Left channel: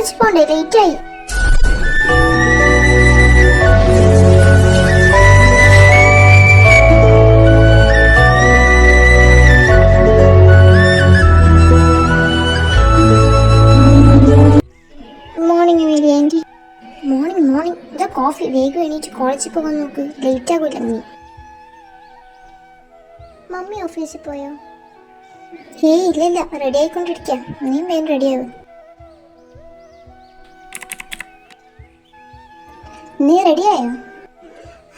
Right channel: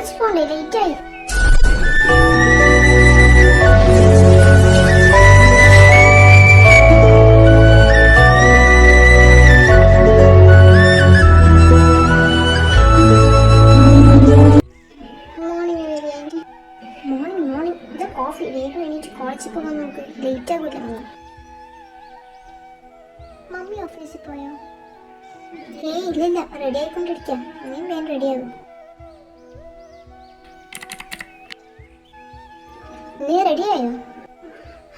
കോളേജിൽ പോണ്ടേ, ലേറ്റായി. Morning Mary aunty. മോർണിംഗ്. ഇതാ കോഫി. വേഗം എണീറ്റ് കോളേജിൽ പോകാൻ നോക്ക്, ലേറ്റ് ആകില്ല നീ. മമ്മി ഓഫീസിൽ പോയോ? ഹേയ് ഇല്ല, റെഡി ആയിക്കൊണ്ടിരിക്കാം. നീ വേഗം റെഡിയാകും. നീ റെഡിയായോ?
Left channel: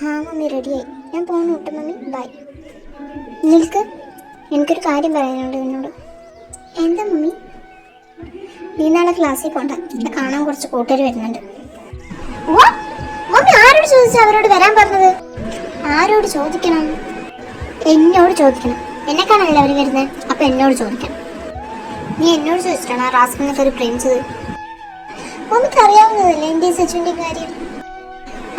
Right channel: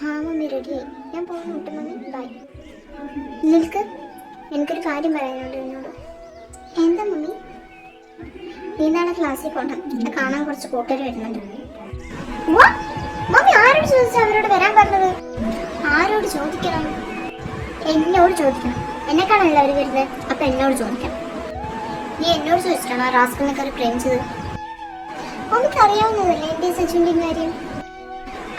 ആ മമ്മി റെഡിയായി. ഞാൻ പോകാൻ വിട്ടു മമ്മി. ബൈ. നിൽക്ക്, എനിക്കൊരു കാര്യം പറയാനുണ്ട് എന്നോട്. എന്താ മമ്മി? നീ നാളെ ക്ലാസ്സിൽ പോണ്ട. എന്നെ കാണാൻ കുറച്ച് കൂട്ടുകാർ വരുന്നുണ്ട്. മമ്മി ആരോട് ചോദിച്ചാ അവരോട് വരാൻ പറഞ്ഞത്? ആരോട് ചോദിക്കണം? എന്നോട് ചോദിക്കണം. എന്നെ കാണാനല്ലേ അവർ വരുന്നത്, അപ്പൊ എന്നോട് ചോദിക്കണം. നീ എന്നോട് ചോദിച്ചിട്ടാണ് ആ റാസ്കലിനൊക്കെ ഒരു പ്രേമിച്ചത്? മമ്മിക്ക് അറിയാവുന്നതല്ലേ എൻ്റെ സച്ചുവിൻ്റെയും കാര്യം.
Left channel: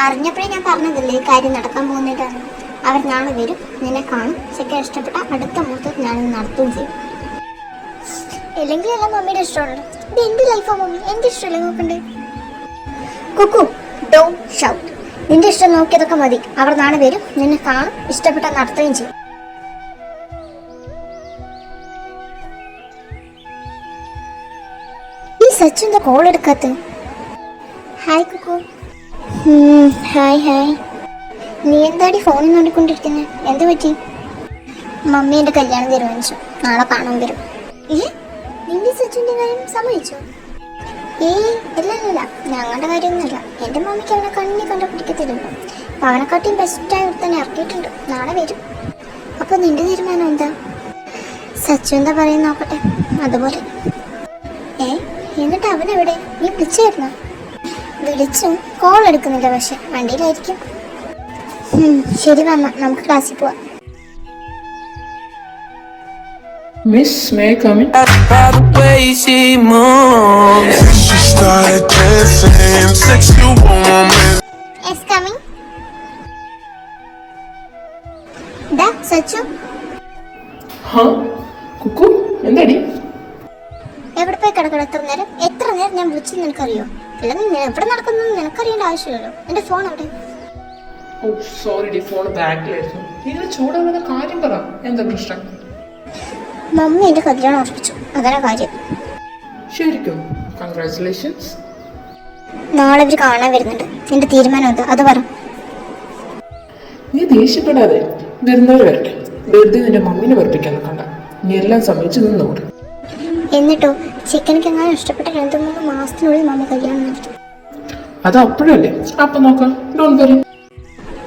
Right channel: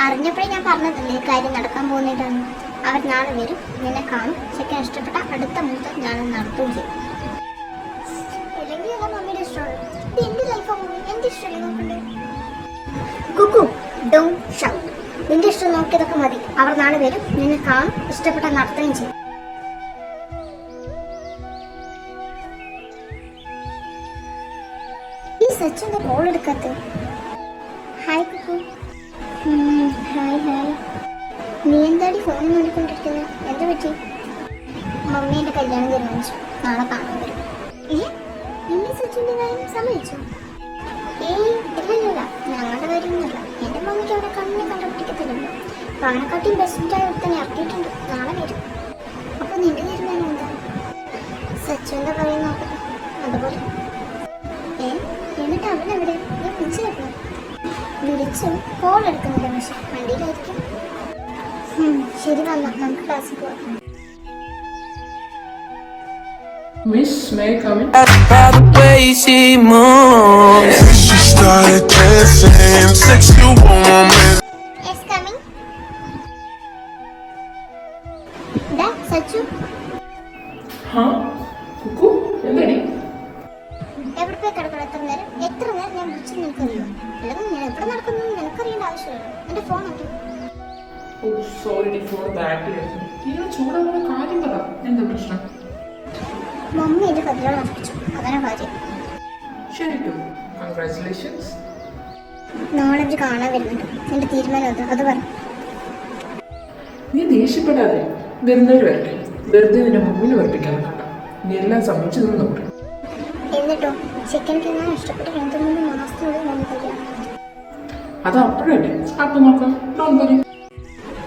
അറിഞ്ഞപ്പോഴേ ഞാൻ പറഞ്ഞതല്ലേ ഈ കാര്യം നടക്കാൻ പോകുന്നതാണ്. അവർ നാളെ വരും, നിന്നെ കാണും. ചെക്കൻ ഇഷ്ടപ്പെട്ട അടുത്ത മുഹൂർത്തത്തിൽ ഞാനത് നടത്തുകയും ചെയ്യും. ഇല്ലെങ്കിൽ എല്ലാം മമ്മിയുടെ ഇഷ്ടമുള്ളത്. ഇത് എൻ്റെ ലൈഫാണ് മമ്മി, എൻ്റെ ഇഷ്ടമല്ലേ നോക്കണ്ടേ? Kukku don't shout. നിന്റെ ഇഷ്ടം നോക്കിയതൊക്കെ മതി. അവർ നാളെ വരും, നിന്നെ കാണും, ഇഷ്ടപ്പെട്ട നടത്തുകയും ചെയ്യും. ഈ സച്ചിന്റെ കോൾ എടുക്കാത്ത? ഹായ് കുക്കു. ഹായ്. നീ എന്താടി ഫോണിൽ നോക്കിക്കൊണ്ടിരിക്കുന്നത്? എന്ത് പറ്റി? മമ്മി എൻ്റെ കല്യാണം തീരുമാനിച്ചു. നാളെ കാണാൻ വരും. നിന്റെ സച്ചിന്റെ കാര്യം സമ്മതിച്ചോ? ഇല്ല, ഞങ്ങളുടെ കാര്യമൊന്നുമില്ല. എൻ്റെ മമ്മിക്ക് അവനെ കണ്ടുപിടിക്കത്തില്ല. അപ്പൊ അവനെക്കാട്ടിയും ബെസ്റ്റായി തന്നെ ഇറക്കിയിട്ടുണ്ട്. നാളെ വരും. അപ്പൊ നിന്റെ തീരുമാനം എന്താ? സച്ചു എന്താ പറയുന്ന നോക്കട്ടെ. അതുപോലെ. എന്നിട്ട് അവനെവിടെ? നീ വിളിച്ചായിരുന്നോ? വിളിച്ചു, കോൾ എടുക്കുന്നില്ല. പക്ഷെ വണ്ടിയിലായിരിക്കും. ശരി വന്നാ നമുക്ക് ക്ലാസ്സിൽ പോവാം. Miss, may I come in? By the way she moves, she started dancing, sexual woman. Yes, coming. Da, Sachu. Huh? Cuckoo? എന്താടി? എവിടെ പോയി കിടക്കണം? എത്ര നേരം ഞാൻ വിളിച്ചു നിനക്കറിയോ? അല്ലെങ്കിൽ ഞാൻ എവിടെ നടക്കുന്നു നിനക്കറിയേണ്ട ആവശ്യമില്ലല്ലോ. എന്റെ ഫോൺ അവിടെ. ഓ സോറി ഡി, ഫോൺ ബാക്കിലായിരുന്നു. നിങ്ങൾ ചൂടാവുന്ന കാര്യം പറ, എന്താ പ്രശ്നം? മമ്മി എന്റെ കല്യാണം ഉറപ്പിച്ചു, അതാണ് കാര്യം. ശരിക്കും കൺഗ്രാറ്റുലേഷൻസ്. നാളെ ഇവര് കാണാൻ വരുന്നുണ്ട്. നിന്റെ തീരുമാനം എന്താ അത് പറ. നീ ദേഷ്യപ്പെടാതെ, വരുന്നവർ വരട്ടെ. വെറുതെ നിന്റെ മമ്മിനെ വെറുപ്പിക്കാൻ കണ്ട. നീ എല്ലാം സമ്മതിച്ചു നിന്നോട്. എന്നിട്ടോ ചിക്കനക്ക് എങ്ങനെ ഇഷ്ടപ്പെട്ട 2-3 മാസത്തിനുള്ളിൽ മമ്മി കല്യാണം നടത്തും. അത് അപ്പോഴല്ലേ, അപ്പൊ നോക്കാം. Don't worry.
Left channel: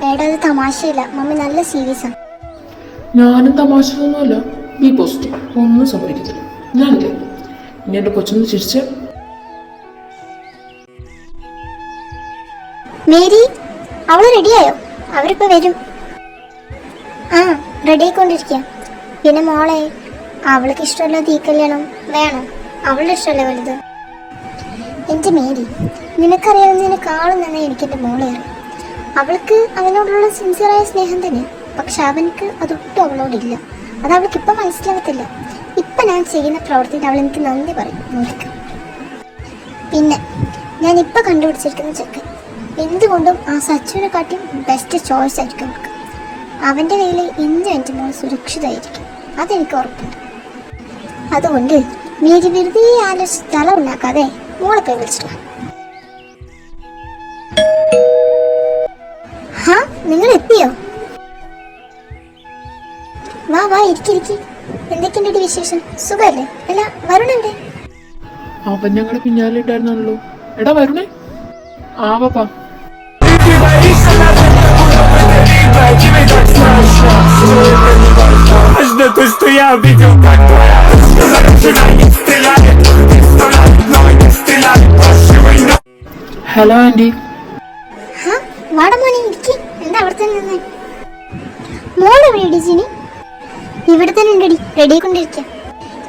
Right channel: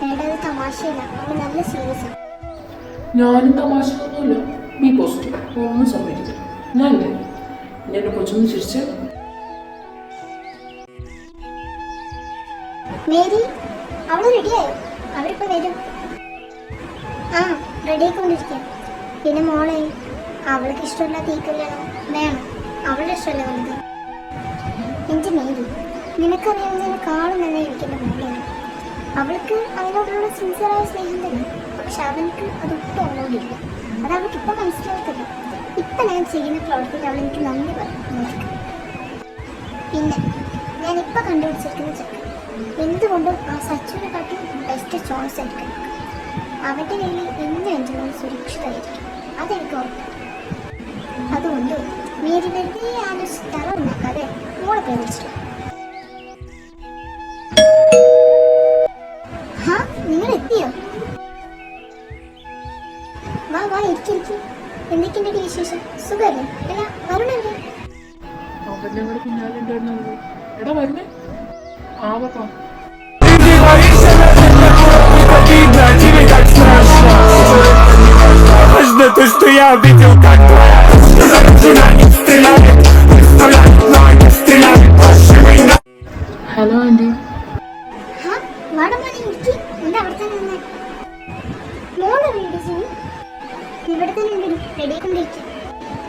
ഏടാ അത് തമാശയില്ല, മമ്മി നല്ല സീരിയസ് ആണ്. ഞാനും തമാശയൊന്നുമല്ല. B positive. ഒന്നും സംഭവിക്കത്തില്ല. ഞാനില്ല. ഇനി എന്റെ കൊച്ചൊന്ന് ചിരിച്ച്. മേരി, അവള് റെഡിയായോ? അവരിപ്പോ വരും. ആ റെഡി ആയിക്കൊണ്ടിരിക്കുക. പിന്നെ മോളെ, അവൾക്ക് ഇഷ്ടമല്ലാത്ത ഈ കല്യാണം വേണം. അവളുടെ ഇഷ്ടമല്ല വലുത്. എൻ്റെ മേരി, നിനക്കറിയാവുന്നതിനേക്കാളും തന്നെ എനിക്കെൻ്റെ മോളെയാണ്. അവൾക്ക് അവനോടുള്ള സിൻസിയറായ സ്നേഹം തന്നെ. പക്ഷെ അവനക്ക് അതൊട്ടും അവളോടില്ല. അത് അവൾക്ക് ഇപ്പം മനസ്സിലാകത്തില്ല. ഇപ്പം ഞാൻ ചെയ്യുന്ന പ്രവർത്തിയിൽ അവൾ എനിക്ക് നന്ദി പറയും. പിന്നെ ഞാൻ ഇപ്പം കണ്ടുപിടിച്ചിരിക്കുന്ന ചെക്കൻ എന്തുകൊണ്ടും ആ സച്ചുവിനെ കാട്ടി ബെസ്റ്റ് ചോയ്സ് ആയിരിക്കും നമുക്ക്. അവൻ്റെ കയ്യിൽ എൻ്റെ മോൾ സുരക്ഷിതമായിരിക്കും, അതെനിക്ക് ഉറപ്പുണ്ട്. അതുകൊണ്ട് മേരി വെറുതെ ആലോചിച്ച് തല ഉണ്ടാക്കാതെ മോളെ പോയി വിളിച്ചില്ല. ഹാ, നിങ്ങൾ എത്തിയോ? വാ ഇരിക്കി. എന്തൊക്കെയുണ്ട് വിശേഷം? സുഖല്ലേ? അല്ല വരുണല്ലേ? അവൻ ഞങ്ങളുടെ പിന്നാലെ ഉണ്ടായിരുന്നല്ലോ. എടാ വരുണേ, ആവാ. Hello aunty. വാടമോനെ ഇരിക്കി. എന്താ അവിടെ തന്നെ നിന്ന്? മോളെവിടെ ജിനി? ഇവിടെ തന്നെ ഉണ്ടടി, റെഡി കൊണ്ടിരിക്കാം.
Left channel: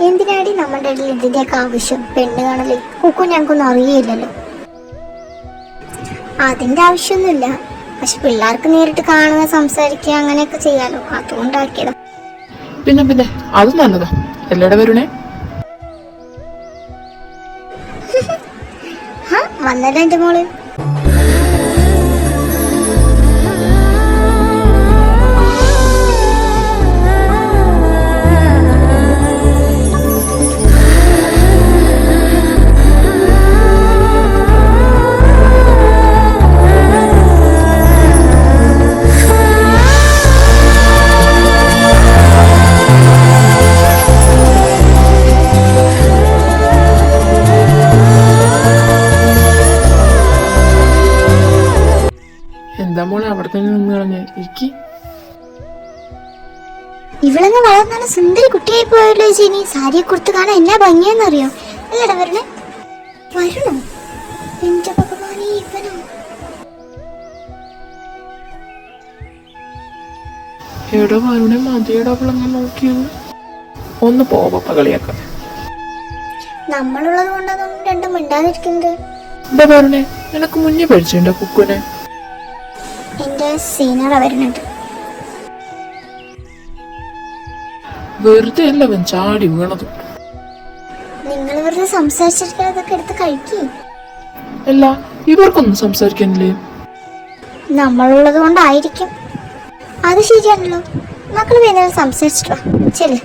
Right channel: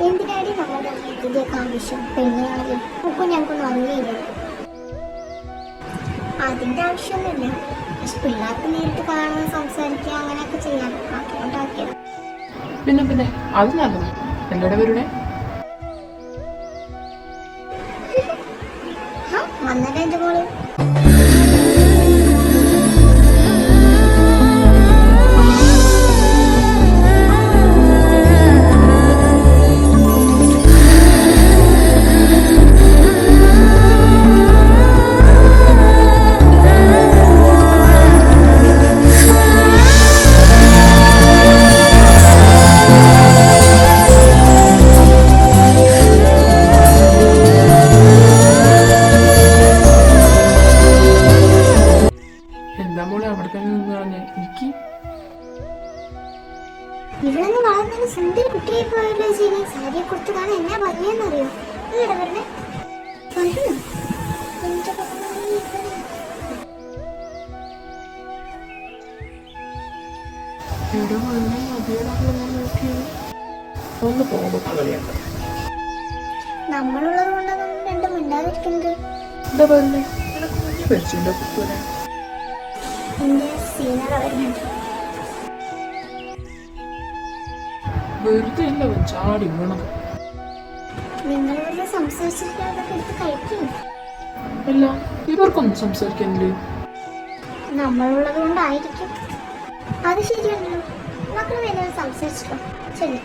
എന്തിനാടി നമ്മുടെ ഇടയിൽ ഇതിൻ്റെയൊക്കെ ആവശ്യം? പെണ്ണ് കാണല്ലേ? കുക്കു ഞങ്ങൾക്കൊന്നും അറിയില്ലല്ലോ. അതിൻ്റെ ആവശ്യമൊന്നുമില്ല. പക്ഷെ പിള്ളേർക്ക് നേരിട്ട് കാണുക, സംസാരിക്കുക, അങ്ങനെയൊക്കെ ചെയ്യാലോ, അതുകൊണ്ടാക്കിയതാ. പിന്നെ അത് നല്ലതാ. എല്ലടെ വരുണേ? വന്നല്ലോ എന്റെ മോള്. എന്താ മോളെ അവിടെ തന്നെ നിന്ന് കളഞ്ഞ എനിക്ക് ഇവളങ്ങ് വളർന്നാണ് സുന്ദരി കുട്ടിയായി പോയല്ലോ ചേച്ചി. സാരിയെ കുറിച്ച് കാണാൻ എന്നാ ഭംഗിയെന്നറിയോ? അല്ലടാ വരണേ, വരണോ എന്റെ ഭഗവാനേ, ഇവനോ? എവിടെ വരണേ മതിയുടെ ഞാൻ നോക്കിയത് ഒന്ന് പോകപ്പ കളിയാക്കാം. നമ്മളുള്ളത് കൊണ്ടൊന്നും രണ്ടും മിണ്ടാതിരിക്കുന്നത്. എന്താ പറഞ്ഞേ, നിനക്ക് മുന്നേ പഠിച്ചിട്ടുണ്ടോ കുക്കുനെ? എന്റെ സീനിയറാ വരുന്നുണ്ട്. വെറുതെ അല്ല അവൻ ചാടി വീണത്. നിങ്ങൾ വെറുതെ സംസാരിച്ചിരിക്കുന്നതൊക്കെ എടുത്ത് കഴിക്കേ. അല്ല ഇവർക്കൊന്നും സംസാരിക്കാനില്ലേ? നമ്മളുള്ളത് കൊണ്ടായിരിക്കും. അത് ശരിയാണല്ലോ. മക്കള് വേദന സംസാരിച്ചിട്ട് വാ ചെല്.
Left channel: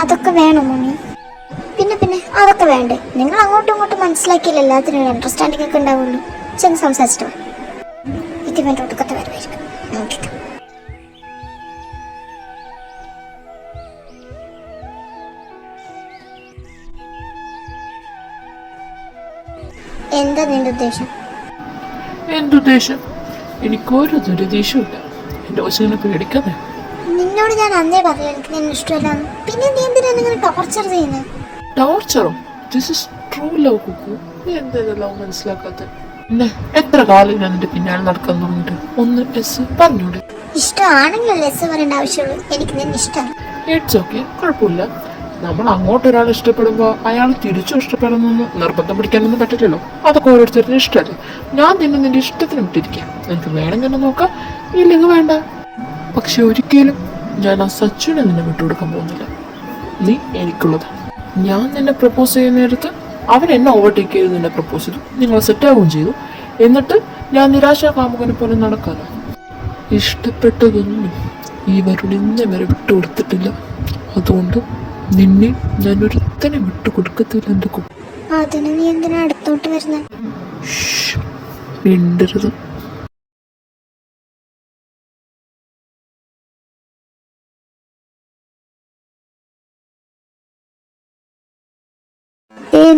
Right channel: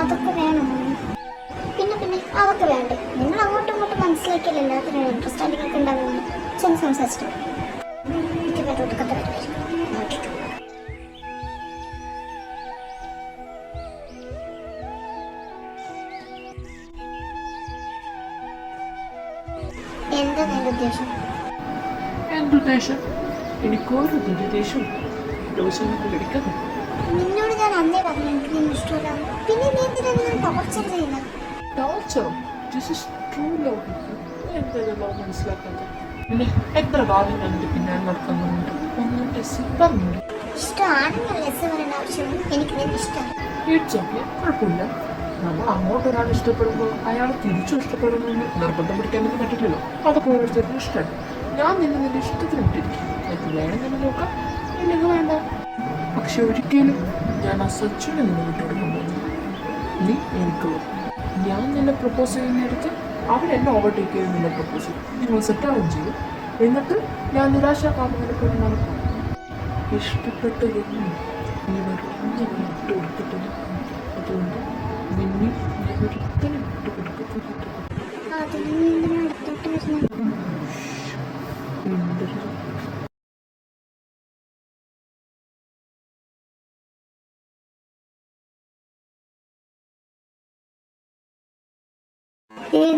അതൊക്കെ വേണം മോനെ. പിന്നെ അതൊക്കെ വേണ്ടേ? നിങ്ങൾ അങ്ങോട്ടും ഇങ്ങോട്ടും മനസ്സിലാക്കിയില്ല എല്ലാത്തിനും അണ്ടർസ്റ്റാൻഡിംഗ് ഒക്കെ ഉണ്ടാവുന്നു. ചെന്ന് സംസാരിച്ചിട്ട് വാ. ഇതിന്റെ ഒടുക്കത്തെ വരുമായിരിക്കും. നോക്കിക്കോ. എന്താ നിന്റെ ഉദ്ദേശം? എന്റെ ഉദ്ദേശം എനിക്കൊരു ദുരുദ്ദേശമില്ല. എന്റെ കൊച്ചിനെ പേടിക്കാതെ. നിന്നോട് ഞാൻ അന്നേ പറഞ്ഞു എനിക്ക് നിന്നെ ഇഷ്ടമല്ലാന്ന്. പിന്നെ നീ എന്തിനാ നിങ്ങൾ ടോർച്ചർ ചെയ്യുന്നത്? ടോർച്ചറും this is true love Kukku. നീ എന്തെങ്കിലും ലവ് മനസ്സിലാക്കാത്ത? പിന്നെ എത്ര കാലം ഞാൻ എന്റെ പിന്നാലെ നടക്കുന്നുണ്ട്. ഒന്ന് എസ് പറഞ്ഞൂടെ? ഇഷ്ടമാണെങ്കിൽ ലെസ് പറയേണ്ട ആവശ്യമുള്ളൂ. എനിക്ക് നിന്നെ ഇഷ്ടമാണ്. ഇറ്റ്സ് ഓക്കെ, കുഴപ്പമില്ല. നമ്മൾ അങ്ങോട്ട് ഒരാൾ ഇഷ്ടപ്പെടുമ്പോൾ അയാൾ തിരിച്ചും ഇഷ്ടപ്പെടുന്നെന്ന് നിർബന്ധം പിടിക്കാനൊന്നും പറ്റില്ലല്ലോ. അതൊക്കെ ഓരോരുത്തരുടെ ഇഷ്ടമല്ലേ. ഞാൻ നിന്റെ ഇഷ്ടത്തിന് വിട്ടിരിക്കാം. എനിക്ക് വേണമെങ്കിൽ തന്നെ നോക്കാം, ഇല്ലെങ്കിൽ വേണ്ട. പക്ഷെ ഒരിക്കലും ഞാൻ ആ സച്ചിനെ നിന്നെ വിട്ടുകൊടുക്കാൻ പോകുന്നില്ല. നീ എനിക്കുള്ളത്. ഞാൻ നിന്നെ പ്രപ്പോസ് ചെയ്യുന്ന നേരത്ത് അവൻ എന്നെ ഓവർടേക്ക് ചെയ്ത് നിന്നെ പ്രപ്പോസ് ചെയ്തു. നിങ്ങൾ സെറ്റാവുകയും ചെയ്തു. എന്നിട്ട് ഞാൻ നിരാശാകാമുകനെ പോലെ നടക്കാതെ ഇഷ്ടപ്പെട്ടതൊന്നും ഈ വരുണിന്നെ വരെ വിട്ടുകൊടുത്തിട്ടില്ല. അതുകൊണ്ട് നിന്നെ ഞാൻ ഒരുത്തനെ വിട്ടുകൊടുക്കത്തില്ല. എൻ്റെ അതിന് നീ എന്തിനാ അടുത്തോട്ട് വരുന്നത്? മിണ്ടരുത്.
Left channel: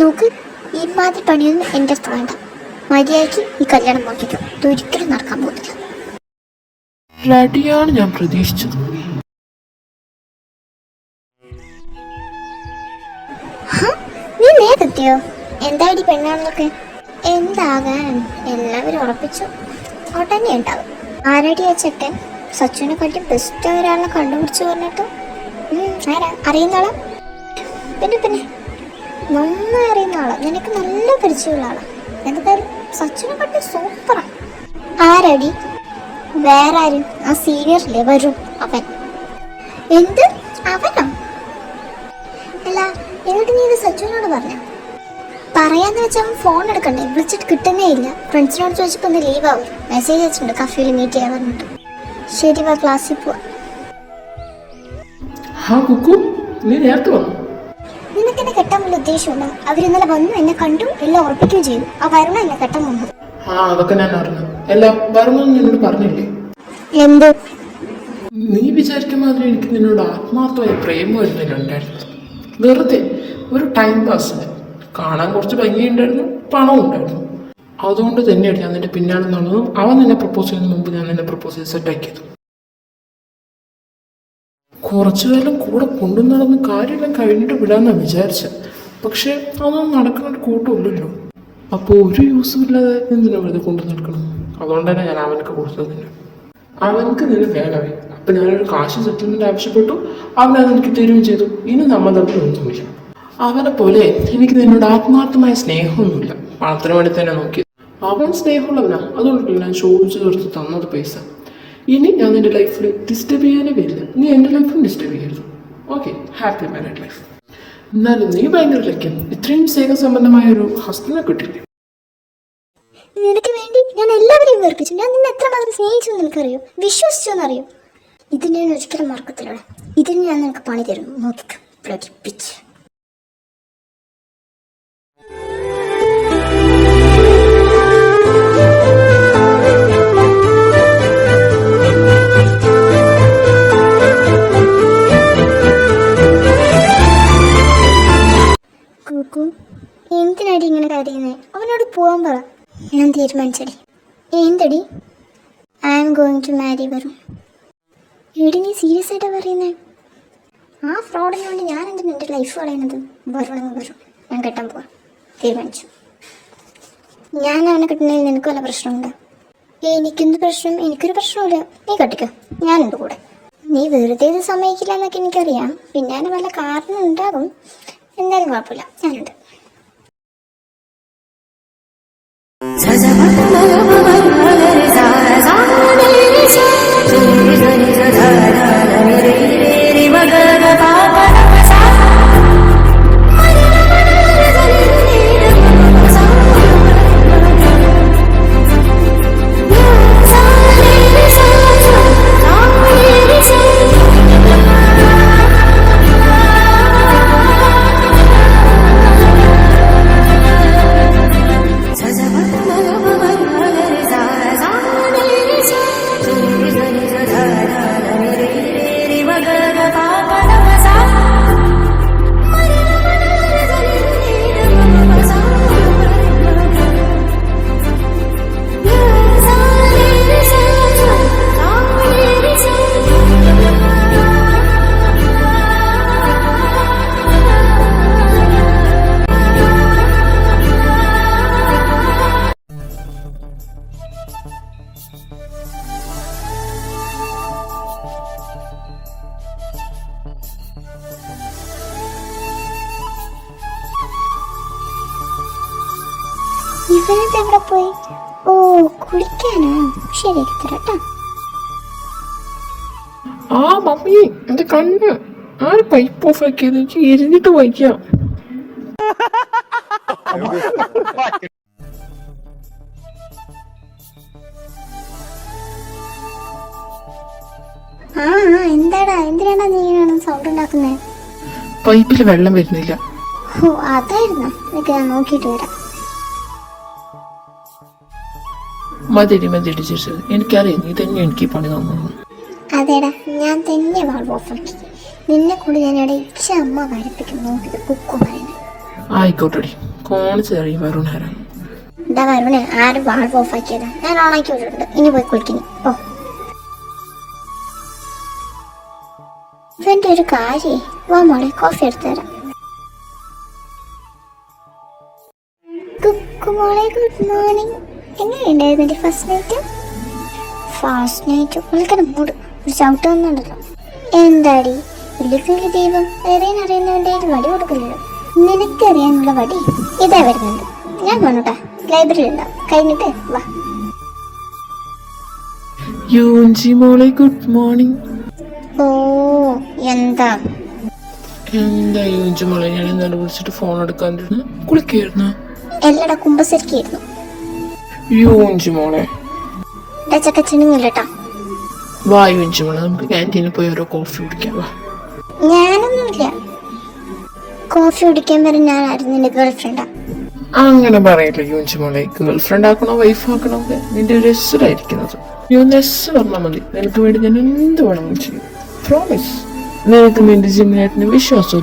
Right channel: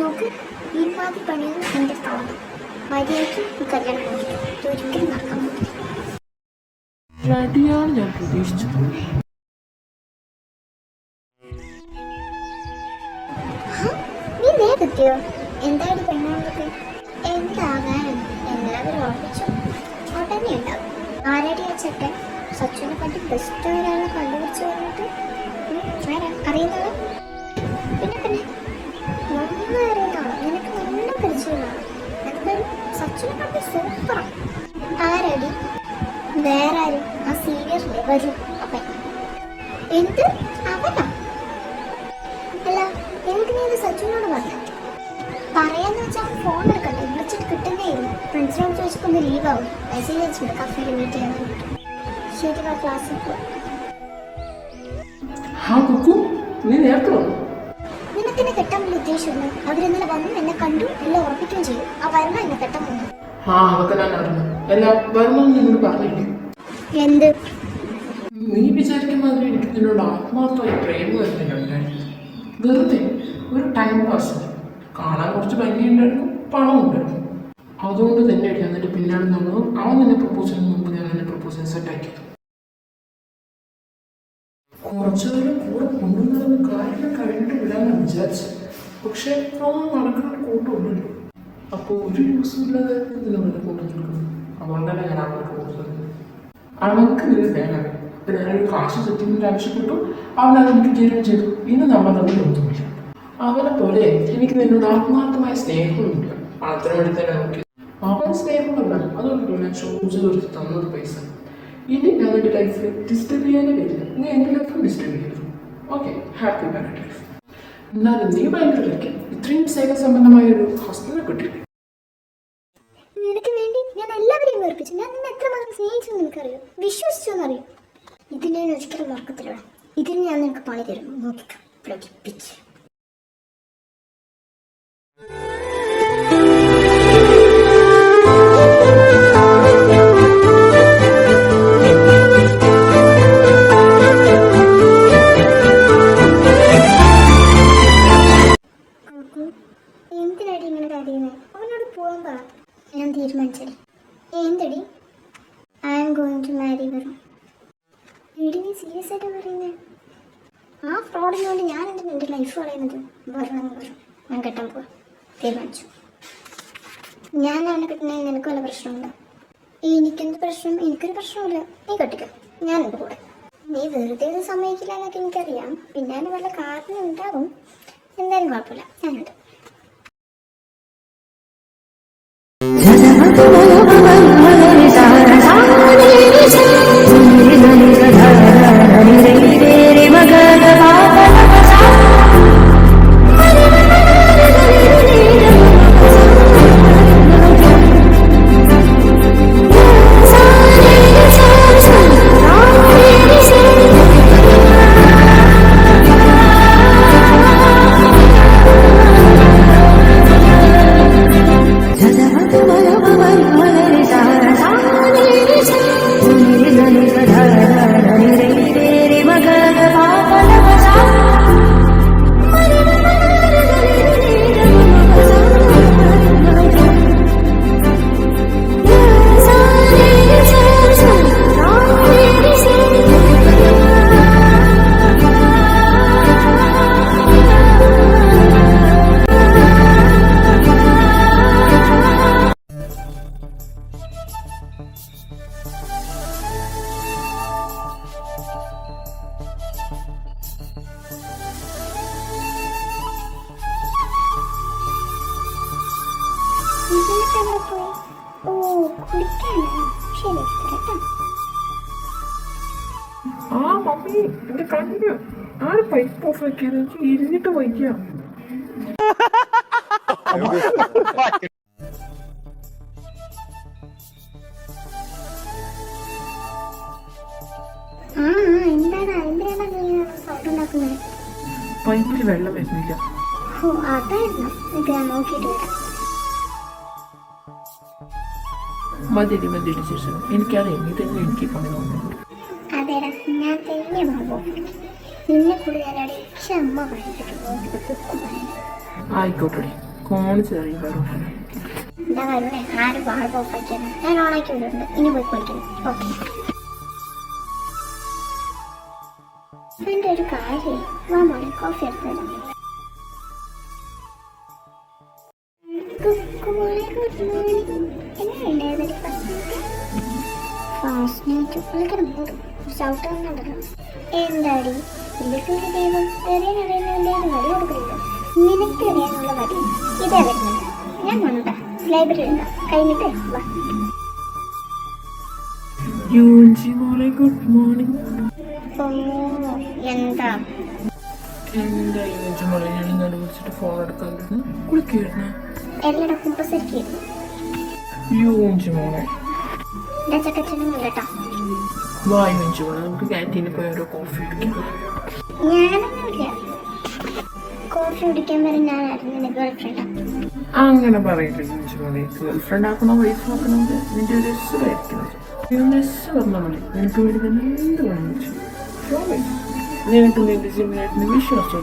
നോക്ക്, ഈ മാതിരി പണിയൊന്നും എൻ്റെ അടുത്ത് വേണ്ട. മര്യാദയ്ക്ക് ഈ കല്യാണം നോക്കിക്കോ. ഇതൊരിക്കലും നടക്കാൻ പോകുന്നില്ല. റെഡിയാണ് ഞാൻ പ്രതീക്ഷിച്ചത്. നീ നേരെത്തിയോ? എന്തായി പെണ്ണാണെന്നൊക്കെ? എന്താകാൻ എല്ലാവരും ഉറപ്പിച്ചു. ഉടനെ ഉണ്ടാവും. ആരടി ആ ചെക്കൻ? സച്ചുവിനെ കണ്ടി ബെസ്റ്റ് ഒരാളെ കണ്ടുപിടിച്ചു പറഞ്ഞിട്ട്. ആരാ? അറിയുന്ന ആളാ? പിന്നെ നന്നായി അറിയുന്ന ആളാ. നിനക്ക് നല്ല പരിചയമുള്ള ആളാ. എന്തായാലും സച്ചിനെ കണ്ടി സൂപ്പറാ. ആരടി? വേറെ ആരും? ആ സീനിയറില്ലേ വരൂ, അവൻ. എന്ത്? അവനോ? അല്ല, എന്നിട്ട് നീ ഇത് സച്ചുവിനോട് പറഞ്ഞു? പറയാന്ന് വെച്ചാൽ അവൻ ഫോൺ എടുക്കണ്ടേ? വിളിച്ചിട്ട് കിട്ടുന്നേ ഇല്ല. ഫ്രണ്ട്സിനോട് ചോദിച്ചപ്പോൾ ഒന്ന് ലീവ് ആവും. മെസ്സേജ് അയച്ചിട്ടുണ്ട് കഫേയിൽ മീറ്റ് ചെയ്യാൻ പറഞ്ഞിട്ട്. ശരി, വാ, ക്ലാസ്സിൽ പോവാ. നിനക്കെന്നെ കെട്ടാൻ വലിയ ഉദ്ദേശമുണ്ട്. അവരിന്നലെ വന്നു, എന്നെ കണ്ടു, എല്ലാം ഉറപ്പിക്കുകയും ചെയ്തു. ആ വരണം എന്നെ കെട്ടാൻ വന്നത്. അതൊക്കെ ഞാൻ അറിഞ്ഞു. എല്ലാം വരുമെന്ന് നിന്നോട് പറഞ്ഞില്ലേ? എന്ത്? നീ വിചാരിക്കുന്ന മാതിരി എനിക്ക് നിന്നോട് ആത്മാർത്ഥമായ പ്രേമമായിരുന്നു ഉണ്ടായിരുന്നു. വെറുതെ ഒരു ടൈം പാസിന്. കാണാൻ കുറച്ച് ഭംഗിയുണ്ടായിരുന്നു, പണവും ഉണ്ടായിരുന്നു. അതുകൊണ്ട് തന്നെയാണ് ഞാൻ നിന്റെ പിന്നാലെ നടന്നതും അവൻ നിന്നെ പ്രപ്പോസ് ചെയ്യുന്ന മുമ്പ് ഞാൻ നിന്നെ പ്രപ്പോസ് ചെയ്ത് സെറ്റാക്കിയത്. കുറച്ചു കാലം കൂടെ കൊണ്ടു നടന്ന് കാര്യമെല്ലാം കഴിഞ്ഞിട്ട് വിടാമെന്നാണ് വിചാരിച്ചത്. പക്ഷെ അതൊന്നും നടക്കുന്ന ഒരു കൂട്ടമില്ലല്ലോ. അപ്പോൾ ഒരു യൂസും ഇല്ലാതെ എന്തിനാ വെറുതെ കൊണ്ടു നടക്കണം? അതുകൊണ്ട് തന്നെ ഞാൻ അവനക്ക് കൊടുത്തത്. അവനക്ക് നിന്നെ വേഗമേ. അപ്പം ഞാനൊരു കാശ് സെറ്റിൽമെൻറ്റ് ആവശ്യപ്പെട്ടു. അവനത് എനിക്ക് തരുകയും ചെയ്തു. ഇനി നമ്മൾ തമ്മിൽ ഒന്നുമില്ല. അവനെ പോലെ എനിക്ക് നിന്നോട് ആത്മാർത്ഥമായ സ്നേഹമൊന്നുമില്ല. പണത്തിന് വേണ്ടി തന്നെ നോക്കി. അവൻ സ്നേഹമുള്ളവനാണ്. അതുകൊണ്ടല്ല ഞാൻ ചോദിച്ചു തീർത്ത് തന്നത് പൈസ. ഇനി ഞാൻ നിന്റെ ലൈഫിൽ ഡിസ്റ്റർബ് ചെയ്യാനേ വരില്ല. നീ എൻ്റെ ലൈഫിൽ ഡിസ്റ്റർബ് ചെയ്യരുത്. Okay, happy married life. എന്നാലും നീ ഭയങ്കര ലൈക്ക് ഇത്രയും സ്നേഹസമ്പന്നമായ ഒരു ഹസ്ബൻഡിനെ കിട്ടില്ലേ? എത്രയും വെറുപ്പിച്ചു. ഞാൻ നിന്നെ എത്രമാത്രം സ്നേഹിച്ചു എന്ന് നിനക്കറിയോ, വിശ്വസിച്ചു എന്നറിയോ? ഇതിനെ ഞാൻ ഒരിക്കലും മറക്കത്തില്ല. ഇതിന് ഞാൻ നിനക്ക് പണി തരും, നോക്കിക്ക പ്രടിപ്പിച്ച്. എന്തിനാടി ഇങ്ങനെ കരയുന്നേ? അവനോട് പോകാൻ പറ. ഞാൻ തീരുമാനിച്ചടി. എന്തടി? I am going to marry വരും. എടി നീ സീരിയസ് ആയിട്ടാ പറയുന്നേ? ആ ഫ്രോഡിന് വേണ്ടി ഞാൻ എന്തിനാ എൻ്റെ ലൈഫ് കളയുന്നത്? വരണമെന്ന് വരും. ഞാൻ കെട്ടാൻ പോവാം, തീരുമാനിച്ചു. ഞാൻ അവനെ കിട്ടുന്നതിൽ നിനക്ക് വല്ല പ്രശ്നമുണ്ടോ? എനിക്കെന്ത് പ്രശ്നം? എനിക്കൊരു പ്രശ്നമില്ല. നീ കെട്ടിക്കോ, ഞാനുണ്ട് കൂടെ. നീ വെറുതെ ഇത് സമ്മതിക്കില്ല എന്നൊക്കെ എനിക്കറിയാം. പിന്നാലെ വല്ല കാരണം ഉണ്ടാകും. എന്തായാലും കുഴപ്പമില്ല, ഞാനുണ്ട്. ഇവനത് എവിടെ പോയി? ഓ, കുളിക്കാനോ? ശരി, എടുത്തരാട്ടോ. ആ മമ്മി, എന്റെ കണ്ണ് ആര് പൈപ്പ് ഓഫ് ആക്കിയത്? എനിക്ക് എരിഞ്ഞിട്ട് വായിക്കാം. എന്താടാ, എന്തിനാണ് നീ സൗണ്ട് ഉണ്ടാക്കുന്നത്? പൈപ്പിൽ വെള്ളം വരുന്നില്ല. ഓ, അതായിരുന്നു. ഞാൻ നോക്കിയിട്ട് വരാം. മതിരി ചേച്ചി, എനിക്കറിയാം നീ തന്നെ എനിക്ക് പണി തന്നു. അതേടാ, ഞാൻ തന്നെ വാൾവ് ഓഫാക്കി. നിന്നെ കൂടി ഞാൻ ഇവിടെ അമ്മ കാര്യപ്പിക്കും. നോക്കിയിട്ട് കുക്കു പറയുന്നത്. ആയിക്കോട്ടെടി, കോണിച്ചെറിയ വരുണേരാ. എന്താ വരുണേ? ആരും വാൾവ് ഓഫാക്കിയതാ? ഞാൻ ഓണാക്കി വിട്ടിട്ടുണ്ട്. ഇനി പോയി കുളിക്കുന്നു. ഓ, ഇവന്റെ ഒരു കാര്യം. വാ മോളെ, കോഫി എടുത്തു തരാം. കുക്കു മോളെ, ഗുഡ് മോർണിംഗ്. എങ്ങനെയുണ്ടായിരുന്നു എൻ്റെ ഫസ്റ്റ് നൈറ്റ്? ഫസ്റ്റ് നൈറ്റ് വളരെ മൂട്. ഒരു ചവിട്ട് വന്നുണ്ടല്ലോ. എന്താടി വലിയ ദൈവം അറിയുന്നവൻ്റെ വടി കൊടുക്കില്ലല്ലോ. നിനക്കറിയാനുള്ള വടി ഇതാ വരുന്നത്. ഞാൻ പോണോട്ടാ, ലൈബ്രറി ഉണ്ടാവും. കഴിഞ്ഞിട്ട് വാ. മോളെ ഗുഡ് മോർണിംഗ്. ഓ, എന്താ എന്താ മോളെ? ഞാൻ ഇന്നലെ വിളിച്ചിട്ട് ഫോൺ എടുക്കാണ്ടിരുന്നു. കുളിക്കായിരുന്നു. എല്ലാടാ കുമ്പസരിക്കായിരുന്നു. മോളെ ചക്കച്ചനുമില്ലട്ടാ. വാ മോളെ, നമുക്ക് ക്യാൻറ്റീനിൽ പോയി ഓരോ കോഫി കുടിക്കാം. ഞാനൊന്നുമില്ല. കോഫി കുടിക്കാൻ വരെ ഞാനായിരുന്നു നിന്റെ ഗേൾഫ്രണ്ടാ. അങ്ങനെ പറയില്ല മോളെ. ഗേൾഫ്രണ്ട് ആക്കണോ വൈഫ് ആക്കണോ നിന്റെ ഒരു എസ്സായിരിക്കുന്നത്. നീ ഒന്ന് എസ് പറഞ്ഞാൽ മതി. നിനക്ക് വേണ്ടി ഞാൻ എന്ത് വേണമെങ്കിലും ചെയ്യും. പ്രോമിസ്. നിനക്ക് നിന്റെ ജിമ്മിനായിട്ടിന് വിശ്വാസം.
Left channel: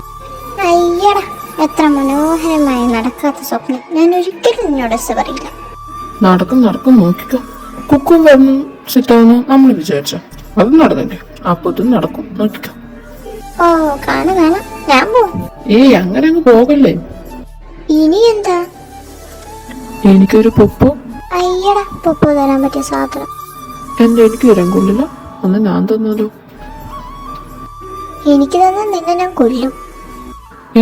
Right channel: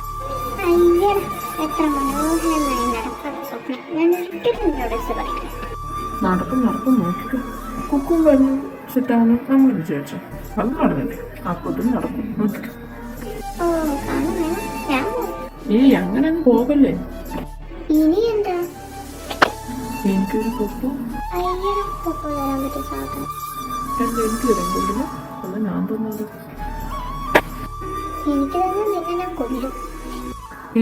അയ്യടാ, എത്ര മനോഹരമായി നടക്കാത്ത സ്വപ്നം. ഞാൻ ഒരിക്കലും നിന്നോട് എസ് പറയില്ല. നടക്കും നോക്കിക്കോ. കുക്കും വരണം സെറ്റാവുന്നു നമ്മൾ വിചാരിച്ച അത് നടന്നില്ലേ? അപ്പൊ ഇതും നടക്കും, നോക്കിക്കോ. ഓ, കാണാം. ഞാൻ പോകും. ഏയ്, അങ്ങനെ അങ്ങ് പോകല്ലേ. ഇനി എന്താ? എനിക്കൊരു പൊപ്പോ. അയ്യടാ, പൊപ്പോ തരാൻ പറ്റിയ സാധനം എനിക്ക് തരാൻ കൊള്ളില്ല. ഒന്ന് ഞാൻ തന്നാലോ? എനിക്ക് തന്നെ നിന്നെ ഞാൻ കൊല്ലും.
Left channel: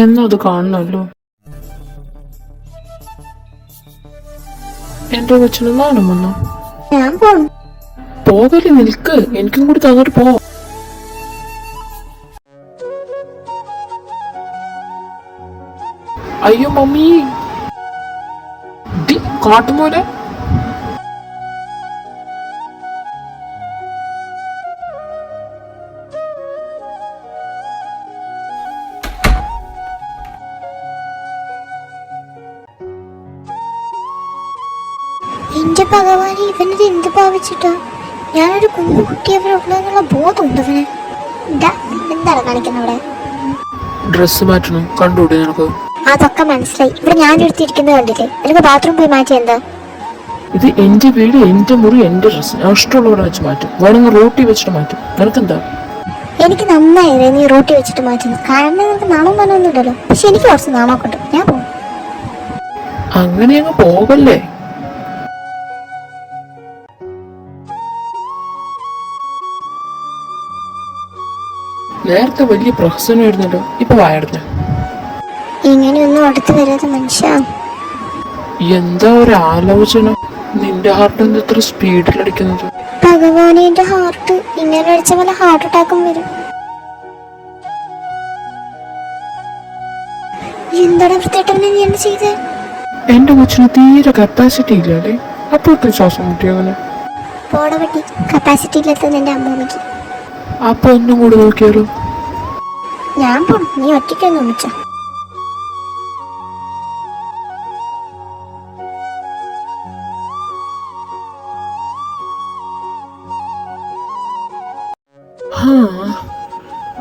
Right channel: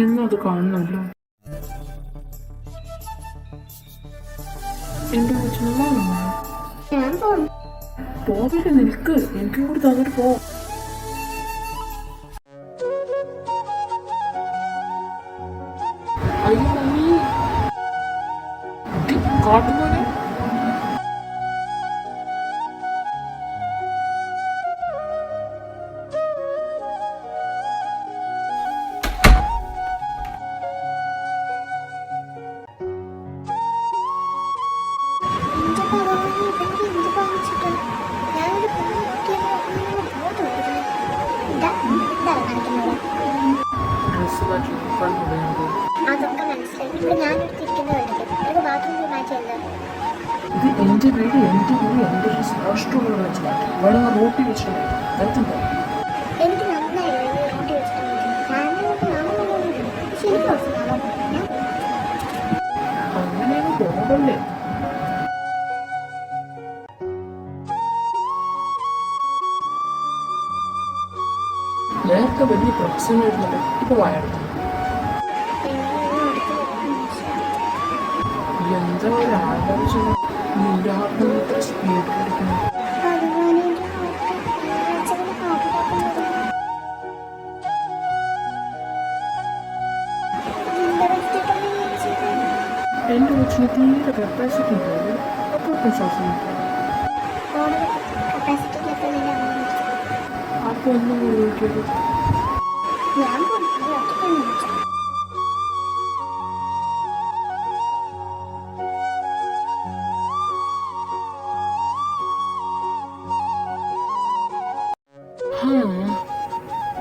എന്നും അത് കാണണമല്ലോ. എന്റെ കൊച്ചിന് നാണം വന്നു. ഞാൻ പോകും. പോകല്ലേ, നിൽക്ക്. എനിക്കും കൂടി തന്നിട്ട് പോ. അയ്യോ മമ്മി, കാട്ടുമോനെ. വെച്ചിട്ട് ഞാനൊരു കുഞ്ഞു കുട്ടിയവരെ ഉള്ളതെന്നുള്ള ബോധമുണ്ട് അവന്. ഇതാ എന്താണ് കാണിക്കുന്നത് അവിടെ? ഡ്രസ്സ് മാറ്റണം, കണ്ടുകൂടെ നിനക്ക്? അതൊക്കെ മനസ്സിലായി. ഇവിടെ ഞാൻ എടുത്തിരിക്കുന്നത് കണ്ടില്ലേ? എനിക്ക് ബാത്റൂം പോയി മാറ്റി എന്താ? ഇത് എന്റെ വീട്, എന്റെ മുറി, എന്റെ ഡ്രസ്സ്. ഞാൻ ഇഷ്ടമുള്ളവരെ വെച്ച് മാറ്റും, വേണമെങ്കിൽ റോട്ടി വെച്ചിട്ട് മാറ്റും. നിനക്കെന്താ? എനിക്ക് നന്നായി നീ റോട്ടി വെച്ചിട്ട് മാറ്റുന്നു. കാരണം നിനക്ക് നാണം മനൊന്നുമില്ലല്ലോ. പക്ഷെ എനിക്ക് കുറച്ച് നാണമൊക്കെ ഉണ്ട്. ഞാൻ പോകും. അങ്ങനെ അങ്ങ് പോകല്ലേ. നേരത്തെ വലിയ പ്രഹസനമായിരുന്നല്ലോ, ഇപ്പൊ വായടഞ്ഞ. ഇങ്ങനെയൊന്നും അടുത്ത് വരാതെ മനുഷ്യ. എന്താ ഒരു ആലോചന? നിന്റെ ഹാർട്ട് എന്താ ഇത്ര സ്പീഡിലടിക്കുന്നത്? ഭഗവാനെ, എന്റെ ഹാർട്ട് ഇങ്ങനെ അടിച്ച പോലെ ഹാർട്ട് അറ്റാക്കും വരും. എന്താണ് വൃത്തിയായിട്ടവനെ നീ എന്ത് ചെയ്തേ? എന്റെ കൊച്ചിന് തീരെ കപ്പാസിറ്റി ഇല്ലാതെ അപ്പോഴത്തെ ശ്വാസം മുട്ടിയവന്. പോട പറ്റി, കപ്പാസിറ്റി ഇല്ലാത്തത് എന്റെ അമ്മൂമ്മയ്ക്ക്. അപ്പൊ ഒന്നും കൂടി നോക്കിയാലോ? ഞാൻ പോണം, നീ ഒറ്റയ്ക്കൊന്നും വിളിച്ചോ.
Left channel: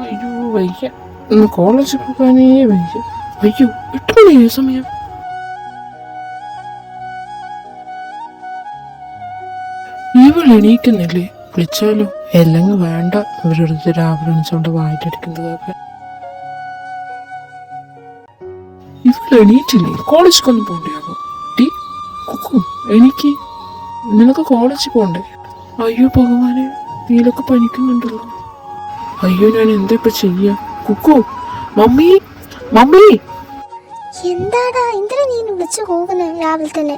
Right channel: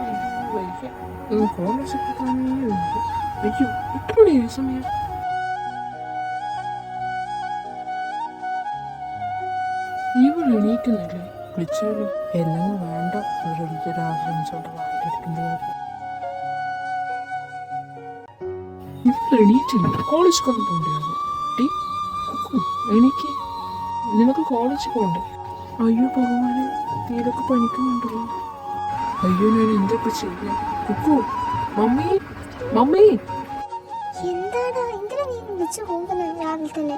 അയ്യോ വയ്യ, ഇന്ന് കോളേജിൽ പോകാനേ വയ്യ. അയ്യോ, 8 മണിയായ സമയം. ഇവൾ എണീക്കുന്നില്ലേ? വിളിച്ചാലോ? അല്ലെങ്കിൽ വേണ്ട, ഇവരെടുത്ത് രാവിലെ എണിച്ചോണ്ട് വായിട്ടടിക്കുന്നതൊക്കെ. ഇവൾ എണീറ്റില്ലേ? കോളേജിലൊന്നും പോകണ്ടാകും. ടീ കുക്കു, എനിക്ക് നിനക്ക് കോളേജിൽ പോകണ്ടേ? അയ്യോ ഭഗവാനെ, നീലൊക്കെ പനിക്കുന്നുണ്ടല്ലോ. അയ്യോ, ഞാൻ എന്താ ഇപ്പൊ ചെയ്യാ? Kukku, mummy, mummy. എന്താടാ, എന്തിനാ നീ വിളിച്ചു പോകുന്നത് രാവിലെ തന്നെ?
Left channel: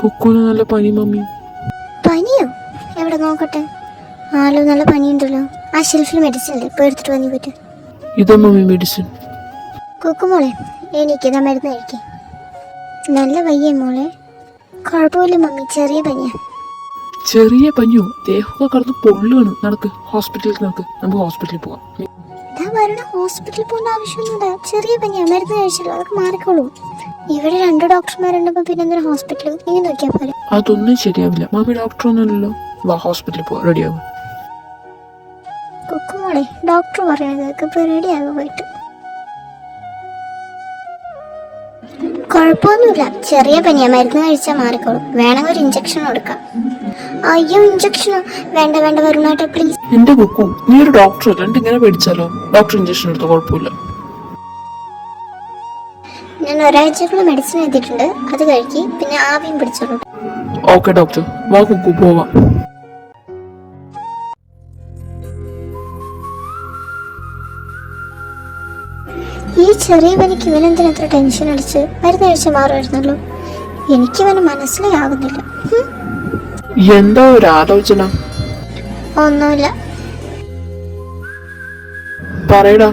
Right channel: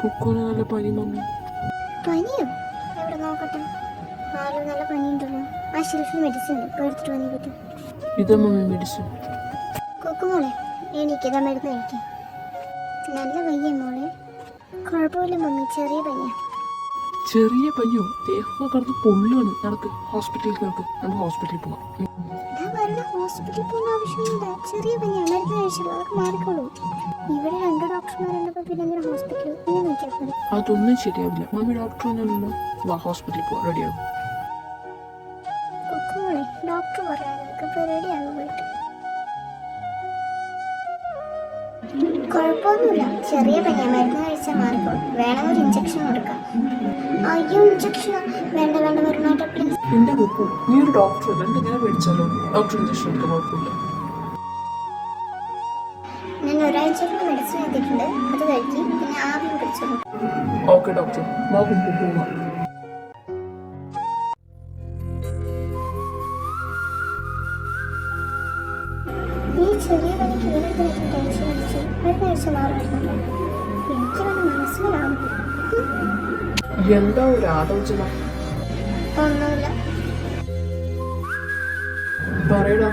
കുക്കുന് നല്ല പനി മമ്മി. പനിയോ? എവിടെ നോക്കട്ടെ. ആലോ, നല്ല പനിയുണ്ടല്ലോ. ആ ഷെൽഫിൽ മെഡിസിൻ അല്ലേ, ഇപ്പൊ എടുത്തിട്ട് വന്നി പറ്റും. ഇതാ മമ്മി മെഡിസിൻ. കുക്കു മോളെ, എനിക്കിതാ മരുന്ന് കഴിക്കേ. നല്ല വയ്യേ മോളെ? കുഴപ്പമില്ല മമ്മി, ചെറിയ പനിയാ. ചെറിയ പനിയോ? ദേഹമൊക്കെ കടന്ന് പൊള്ളുകയാണ്. നടക്ക്, ഹോസ്പിറ്റലിൽ നടക്ക്, നമുക്ക് ഹോസ്പിറ്റലിൽ പോവാം. ഹോസ്പിറ്റലിൽ പോകേണ്ട ആവശ്യമൊന്നുമില്ല. ചെറിയ പനിയാ, മരുന്ന് കഴിച്ചല്ലോ, അതൊക്കെ മാറിക്കോളൂ. ഇവിടെ 2 ഡോക്ടർമാരുണ്ടപ്പോ പിന്നെ എന്തൊരു ഹോസ്പിറ്റൽ? നീ നോക്കിയാ പോലെ. അതൊന്നും ശരിയാവില്ല മമ്മി, ഡോക്ടർ ഒന്നുമല്ലല്ലോ. വാ, ഹോസ്പിറ്റലിൽ പോവാം, റെഡിയാവും. കുക്കുമോളെ, ഡോക്ടർ പറയുന്നത് ഇപ്പൊ റെഡിയാകും പോയിട്ട്. കുഴപ്പമൊന്നുമില്ല, ചെറിയ പനിയാ, മരുന്ന് കഴിച്ചാൽ മാറിക്കോളും. വേണമെങ്കിൽ ഒരു ഇഞ്ചക്ഷൻ കൊടുക്കാം. അയ്യോ, ഇഞ്ചക്ഷനോ? വേണ്ട വേണ്ട വരുണാട്ടെ, പ്ലീസ്. എന്റെ കുക്കു, നീ ഒരു ഡോക്ടർ അല്ലാണ്ട് ഇങ്ങനെ പേടിച്ചാലോ? ഡോക്ടർ ഇഞ്ചക്ഷൻ എടുത്ത കുഴപ്പമില്ല. ഞാൻ ഒരാഴ്ചക്കുള്ള മെഡിസിൻ എഴുതിയിട്ടുണ്ട്, അത് കഴിക്കി. പിന്നെ ആവിയും പിടിച്ചോളൂ. ഓക്കെ ഡോക്ടർ, വാ കുക്കു, പോവാം. ഈ ചെറിയ പനിക്ക് ഇവനെന്തിനാ എത്ര ടെൻഷൻ അടിച്ച്? മരുന്ന് കഴിച്ചാൽ മാറുമായിരുന്നല്ലോ. എനിക്കിവന് മനസ്സിലേ ആകുന്നില്ല. എന്താ ഒരു ആലോചന? ഒന്നുമില്ല. പറയടാ,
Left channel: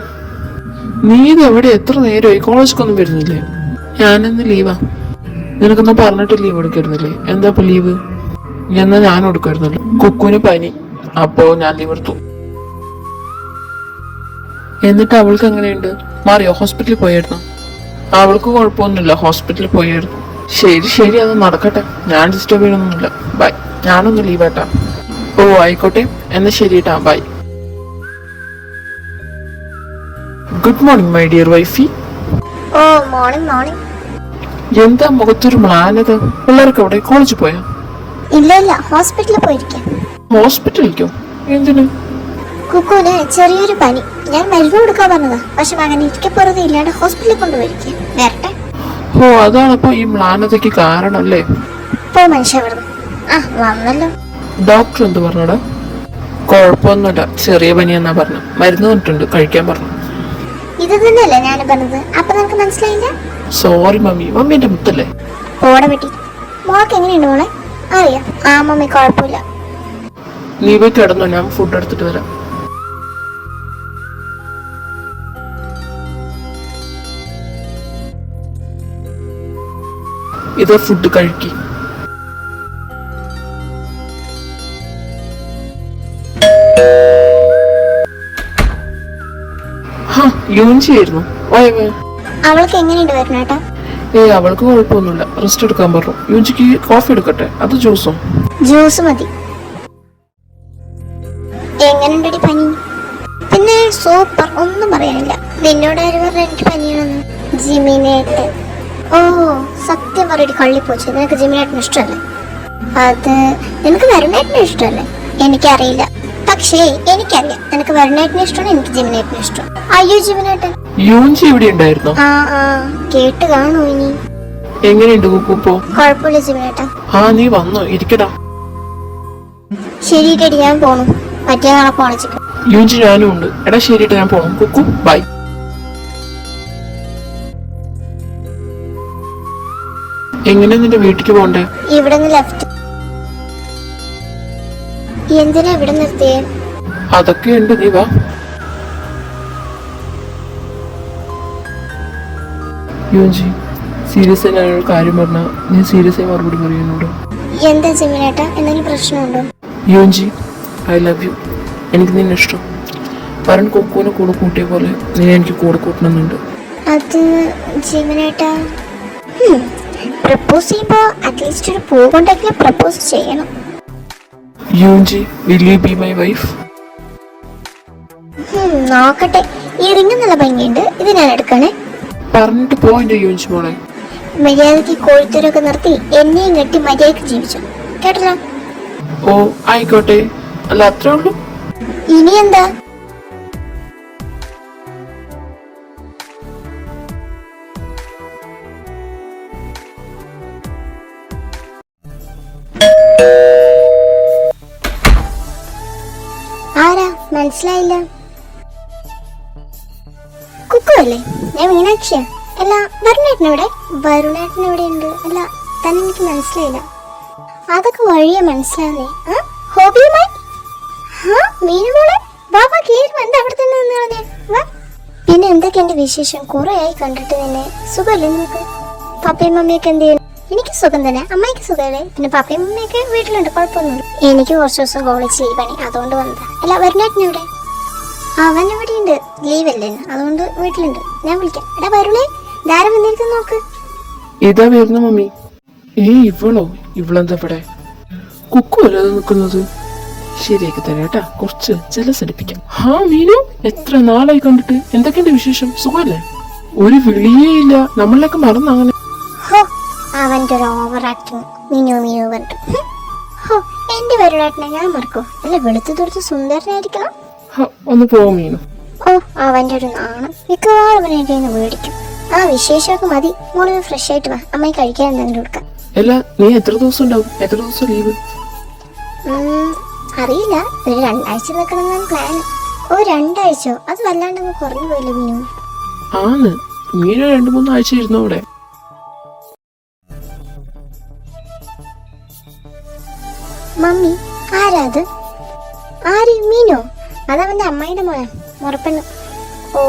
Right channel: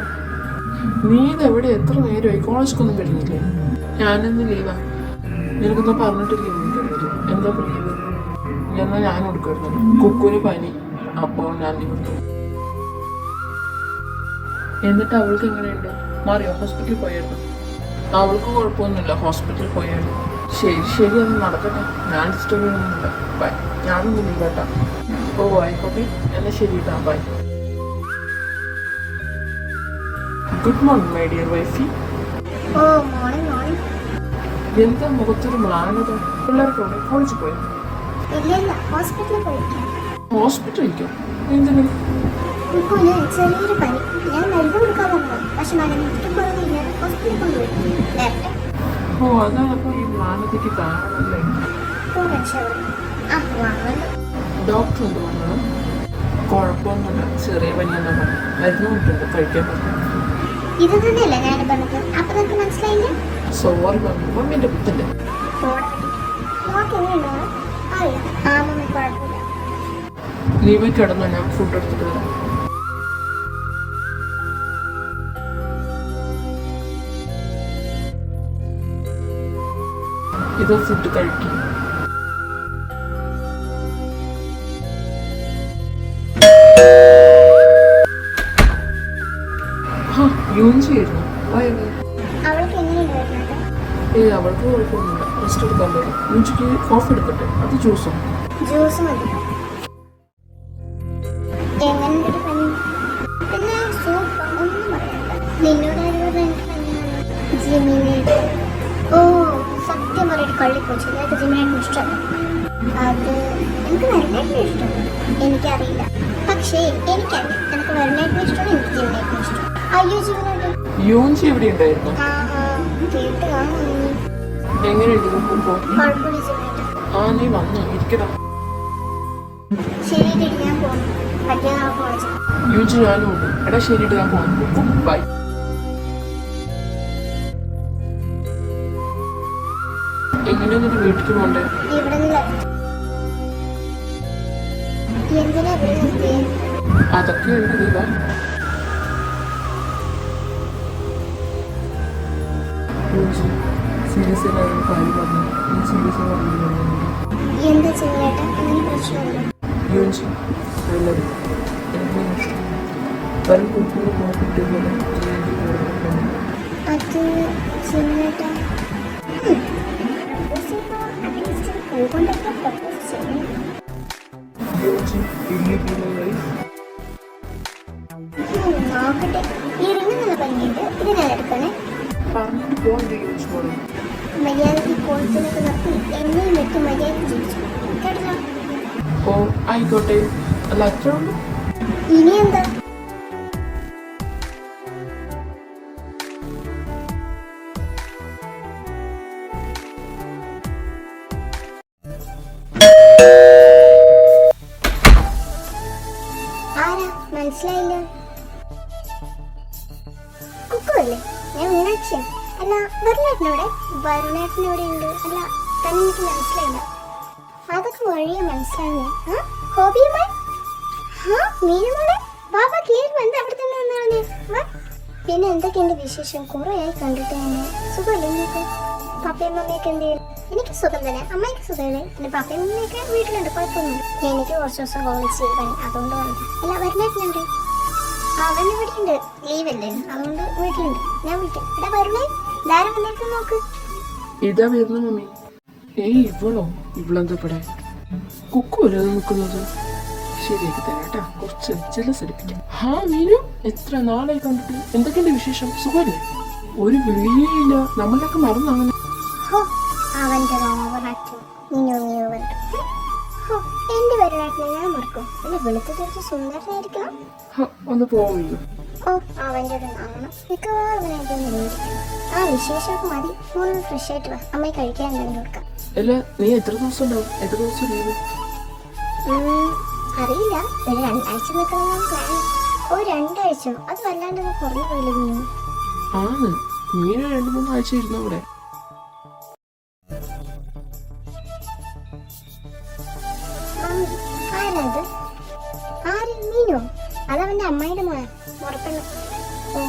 നീ ഇത് എവിടെ? എത്ര നേരമായി? കോളേജിലൊന്നും വരുന്നില്ലേ? ഞാനിന്ന് ലീവാ. നിനക്കൊന്നും പറഞ്ഞിട്ട് ലീവ് എടുക്കായിരുന്നില്ലേ? എന്താ ഇപ്പൊ ലീവ്? എന്നാ ഞാൻ എടുക്കായിരുന്നല്ലോ. കുക്കുവിന് പനി, അപ്പോ ഞാൻ ലീവ് എടുത്തു. എന്നിട്ട് അവൾക്ക് എങ്ങനെയുണ്ട്? മാറിയോ? ഹോസ്പിറ്റലിൽ പോയായിരുന്നു? അവൾക്ക് കുഴപ്പമൊന്നുമില്ല, ഹോസ്പിറ്റലിൽ പോയായിരുന്നു. ശരി ശരി, അത് നടക്കട്ടെ, ഞാൻ ഡിസ്റ്റർബ് ചെയ്യണമെന്നില്ല. ബൈ, ഞാനൊന്ന് ലീവാട്ടാ. ഓ ആയിക്കോട്ടെ, എന്നാ ശരിട്ടാ, bye. Good morning my dear wifey. ഓ മോർണിംഗ് മോർണിംഗ്. എന്താ മുഖത്തൊരു മ്ലാനത? പിള്ളേർക്ക് അവിടെ കോളേജിൽ പോയാ? ഇല്ല ഇല്ല, ഹോസ്പിറ്റലിൽ പോയിരിക്കാം. ഹോസ്പിറ്റലിലേക്കോ? എന്തിനു? കുക്കുവിന് ചെറിയൊരു പനി. ഞാൻ മരുന്ന് കൊടുക്കാൻ പറഞ്ഞതാ, പക്ഷെ മകൻ ഇരിക്കപ്പുറത്ത് ഇല്ലാണ്ട് ഹോസ്പിറ്റലിൽ കൊണ്ടുപോയിരിക്കും. വരട്ടെ. ഓ, അതാണപ്പോ ഈ മ്ലാനതയ്ക്ക് കാരണല്ലേ? പോ മനുഷ്യ വിടുന്നു. ആ വന്നല്ലോ. ഡോക്ടർ എന്ത് പറഞ്ഞടാ? കുഴപ്പമൊന്നുമില്ല, ചെറിയ പനിയെന്നാ പറഞ്ഞു. മരുന്ന് തന്നിട്ടുണ്ട്, കഴിക്കാൻ പറഞ്ഞു. ഇത് തന്നെയല്ലേ ഞാൻ പറഞ്ഞത്? അപ്പൊ നിനക്ക് മനസ്സിലായില്ല? സോറി മമ്മി, മമ്മി എന്റെ മുത്തല്ലേ. ഓടെ പറ്റി. മോൾക്ക് എങ്ങനെയുണ്ട് മോളെ? അറിയാം. ആ മമ്മി കുഴപ്പമില്ല. നീ പോയി കിടന്നു, ഞാൻ ഫുഡ് എടുത്തിട്ട് വരാം. ഇത് ഫുഡ് കഴിക്കി. യൂഞ്ചിയായിരുന്നു. അവൾക്ക് എങ്ങനെയുണ്ട് വരുന്നേട്ടാ? അവൾക്ക് കുഴപ്പമൊന്നുമില്ല, റെസ്റ്റ് എടുക്കാൻ പറഞ്ഞു. യൂഞ്ചിക്ക് കോഫി എടുക്കട്ടെ? അത് ജ്യൂസോ? ജ്യൂസ് മതി. എങ്ങനെയുണ്ടടി പനി? പിന്നെ സൂപ്പർ, ഒന്നും പറയാനില്ല. നിന്നോട് ആര് പറഞ്ഞ എനിക്ക് പനിയാണെന്ന്? ജിമിനേട്ട്. ഓ സത്യം പറയടി കള്ളിപ്പോച്ചു, നിനക്ക് ജിമിനേട്ടിന് ഇഷ്ടമല്ലേ? അത് നിനക്ക് വരുണേട്ടിന് ഇഷ്ടമല്ലേ? എനിക്കറിയില്ല, പക്ഷേ എനിക്കറിയാം നിനക്ക് വരുണേട്ടിന് ഇഷ്ടമാണ്, എനിക്ക് ജിമിനേട്ടിന് ഇഷ്ടം. അയ്യോ ജിമിനേട്ടൻ യൂഞ്ചി ഇവിടെ ഉണ്ടായിരുന്നോ? ആ കേട്ട് കാണൂ ഇനി. എങ്ങനെയുണ്ട് കുക്കുപ്പോ? കുഴപ്പമില്ല ജിമിനേട്ട. നീ വന്നോ? ഇരിക്കടാ. ശരിയിട്ടടി ഞാൻ പോണു, പറ്റിയ നാളെ പോണച്ചിട്ട്. യൂഞ്ചി ഞാനും ഉണ്ട്. എടാ ശരിയിട്ട് ഞാൻ പോണം. കുക്കു ബൈ. എങ്ങനെ നിന്റെ വീട്ടിലേക്ക് പോണ്ടേ? ഇവിടെ നിന്ന് ലെഫ്റ്റ്. എന്തിനാ ഇവിടെ നിർത്തിയേ? അതൊക്കെ ഉണ്ട്, നീ വാ. യൂഞ്ചി സീരിയസ് ആയി ഞാനൊരു കാര്യം പറഞ്ഞാ നീ സീരിയസ് ആയി മറുപടി പറയുന്നുണ്ട്. എന്താ ജിമിനേട്ട, എന്തെങ്കിലും പ്രശ്നമുണ്ടോ? യൂഞ്ചി ഐ ലവ് യു. എനിക്ക് നിന്നെ ഇഷ്ടം. വരൻ കൊക്കുവിനെ കൂടെ കൂട്ടിയ പോലെ നീ എനിക്ക് കൂടെ കൂട്ടണമെന്നുണ്ട്. അത് ജിമിനേട്ട പ്രപ്പോസ് ചെയ്യുമ്പോ അറ്റ്ലീസ്റ്റ് ഒരു പൂ കൊണ്ടെങ്കിലും പ്രപ്പോസ് ചെയ്യണം. യൂഞ്ചി will you be my wife? നോക്കട്ടെ, ഈ റിംഗ് നല്ല ഭംഗിയുണ്ട്, ഇത് ഞാൻ എടുക്കണേ. പറഞ്ഞിട്ട് പോയിന്റ് യൂഞ്ചി മോളെ. മര്യാദക്ക് കോഴിത്തൂരൊക്കെ നിർത്തി എന്നെയും കെട്ടി മര്യാദക്ക് ജീവിച്ചു, കേട്ടല്ലോ? ഓ ആയിക്കോട്ടെ, അല്ല അത്രേ ഉള്ളൂ. ഇനി എന്താ? ആരാ? മനസ്സിലായില്ല. കുക്കു അല്ലേ? ഞാൻ മീനാക്ഷിയാ. അല്ല വരുണേട്ടനെവിടെ? വരുണേട്ടനെവിടെ ഉണ്ട്? അല്ല തന്നെ എനിക്ക് മനസ്സിലായില്ല. അതൊക്കെ വഴിയെ മനസ്സിലാവുന്നേ. ഹോബിയുമായി മീനുമോളെ ബാബാ കേറി വന്ന് അവിടെ തന്നെ നിന്നാണേ. വാ. പിന്നെ എന്തൊക്കെ എന്റെ വിശേഷം? കുറെ ആയി കണ്ടിട്ട് നിന്നെ. സുഖമല്ലേ നിനക്ക്? പപ്പയും മമ്മിയൊക്കെ എന്ത് ചെയ്യുന്നു? എനിക്ക് സുഖം തന്നെ. അമ്മയ്ക്ക് സുഖമല്ലേ? പിന്നെ പപ്പയും മമ്മിയൊക്കെ വീട്ടിലുണ്ട്, കുഴപ്പമൊന്നുമില്ല. എനിക്ക് കുറച്ച് ദിവസം കോളേജ് ലീവാണ്, അതുകൊണ്ട് വന്നതാ. അല്ല വരുണേട്ടനെവിടെ? അവൻ ഇവിടെ ഉണ്ട്, ലീവല്ലേ, അതുകൊണ്ട് വീട്ടിലുണ്ട്. ഞാൻ വിളിക്കാം. എടാ വരുണേ, ധാരം വന്നിരിക്കുന്നു നോക്ക്. ഇതാ വരുന്നു മമ്മി. ഇവളോ? ഇവളെന്താ ഇവിടെ? കുക്കു അല്ലേ നിൽക്കുന്നത്? ശരിയാക്കി തന്നെ കേട്ടാ, കുറച്ച് ജലസടിപ്പിക്കാം. മീനു, എത്ര നാളായി കണ്ടിട്ട്. എന്തൊക്കെയുണ്ട് വിശേഷം? സുഖമല്ലേ? ഒരു വിളിയേ ഇല്ല, നമ്മളിലേക്ക് മറന്നു അങ്ങനെ. അവന്റെ ഒരു ഓവർ ആക്ടിങ്. മീനു മീനു പറഞ്ഞിട്ട്. എന്റെ വരുണേട്ടനെ ഞാൻ മറക്കോ? അല്ല വെളുത്തു തൊടുത്ത് സുന്ദരനായിരിക്കണം. ഒന്ന് പോവാ മീനു. അവന്റെ ഒരു നാണം. മിക്കവാറും അവനെ മേടിക്കും. വിശേഷമൊക്കെ മതി. മോള് ഫ്രഷ് ആയിട്ട് വാ, അമ്മയെ കഴിക്കാൻ എന്തെങ്കിലും കൊടുക്കാം. അല്ല നീ എത്ര ദിവസം ഉണ്ടാവും? എത്ര ദിവസം ലീവ്? അറിയില്ല, ഒരു 2 ആഴ്ച നിൽക്കണം പ്ലാൻ. 2 ആഴ്ചയോ? അത് വല്ലാണ്ട് കുറഞ്ഞു പോയില്ല മീനു. ആണ്, മീനു 2-3 ആഴ്ച ഇരുന്നു അവിടെ. മമ്മി ആരാ അത്? ആര്? മീനോ? അതവന്റെ അമ്മായിന്റെ മോനെ, മുറപ്പെണ്ണ്. ഓ,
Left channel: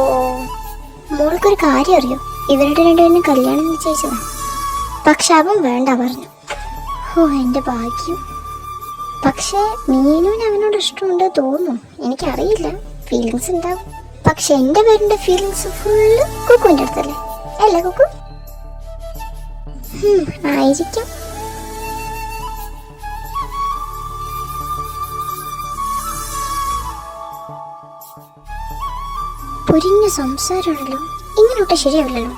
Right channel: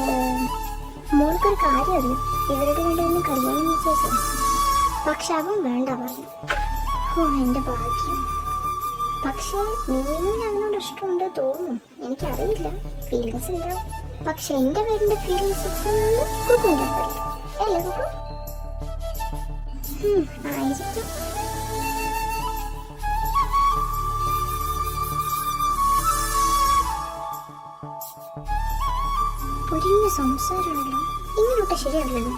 മോൾക്കൊരു കാര്യം അറിയോ? ഇവരുടെ രണ്ടുപേരും കല്യാണം നിശ്ചയിച്ചതാ. പക്ഷെ അവൻ വേണ്ട പറഞ്ഞു. എന്റെ ഭാഗ്യം. പക്ഷെ മീനുവിന് അവനോട് ഇഷ്ടമുണ്ട് തോന്നുന്നു, എനിക്കറിയില്ല. ഫീലിങ്സ് ഉണ്ടാവും. പക്ഷെ എന്റെ പേരിന്റെ ഫീലിങ്സ് ഫുള്ള് കുക്കുവിന്റെ അടുത്തല്ലേ? അല്ലേ കുക്കു? ആയിരിക്കും. പൊരിഞ്ഞ സംസാരമാണല്ലോ, ഇങ്ങനോട്ട് ശരിയാവില്ലല്ലോ.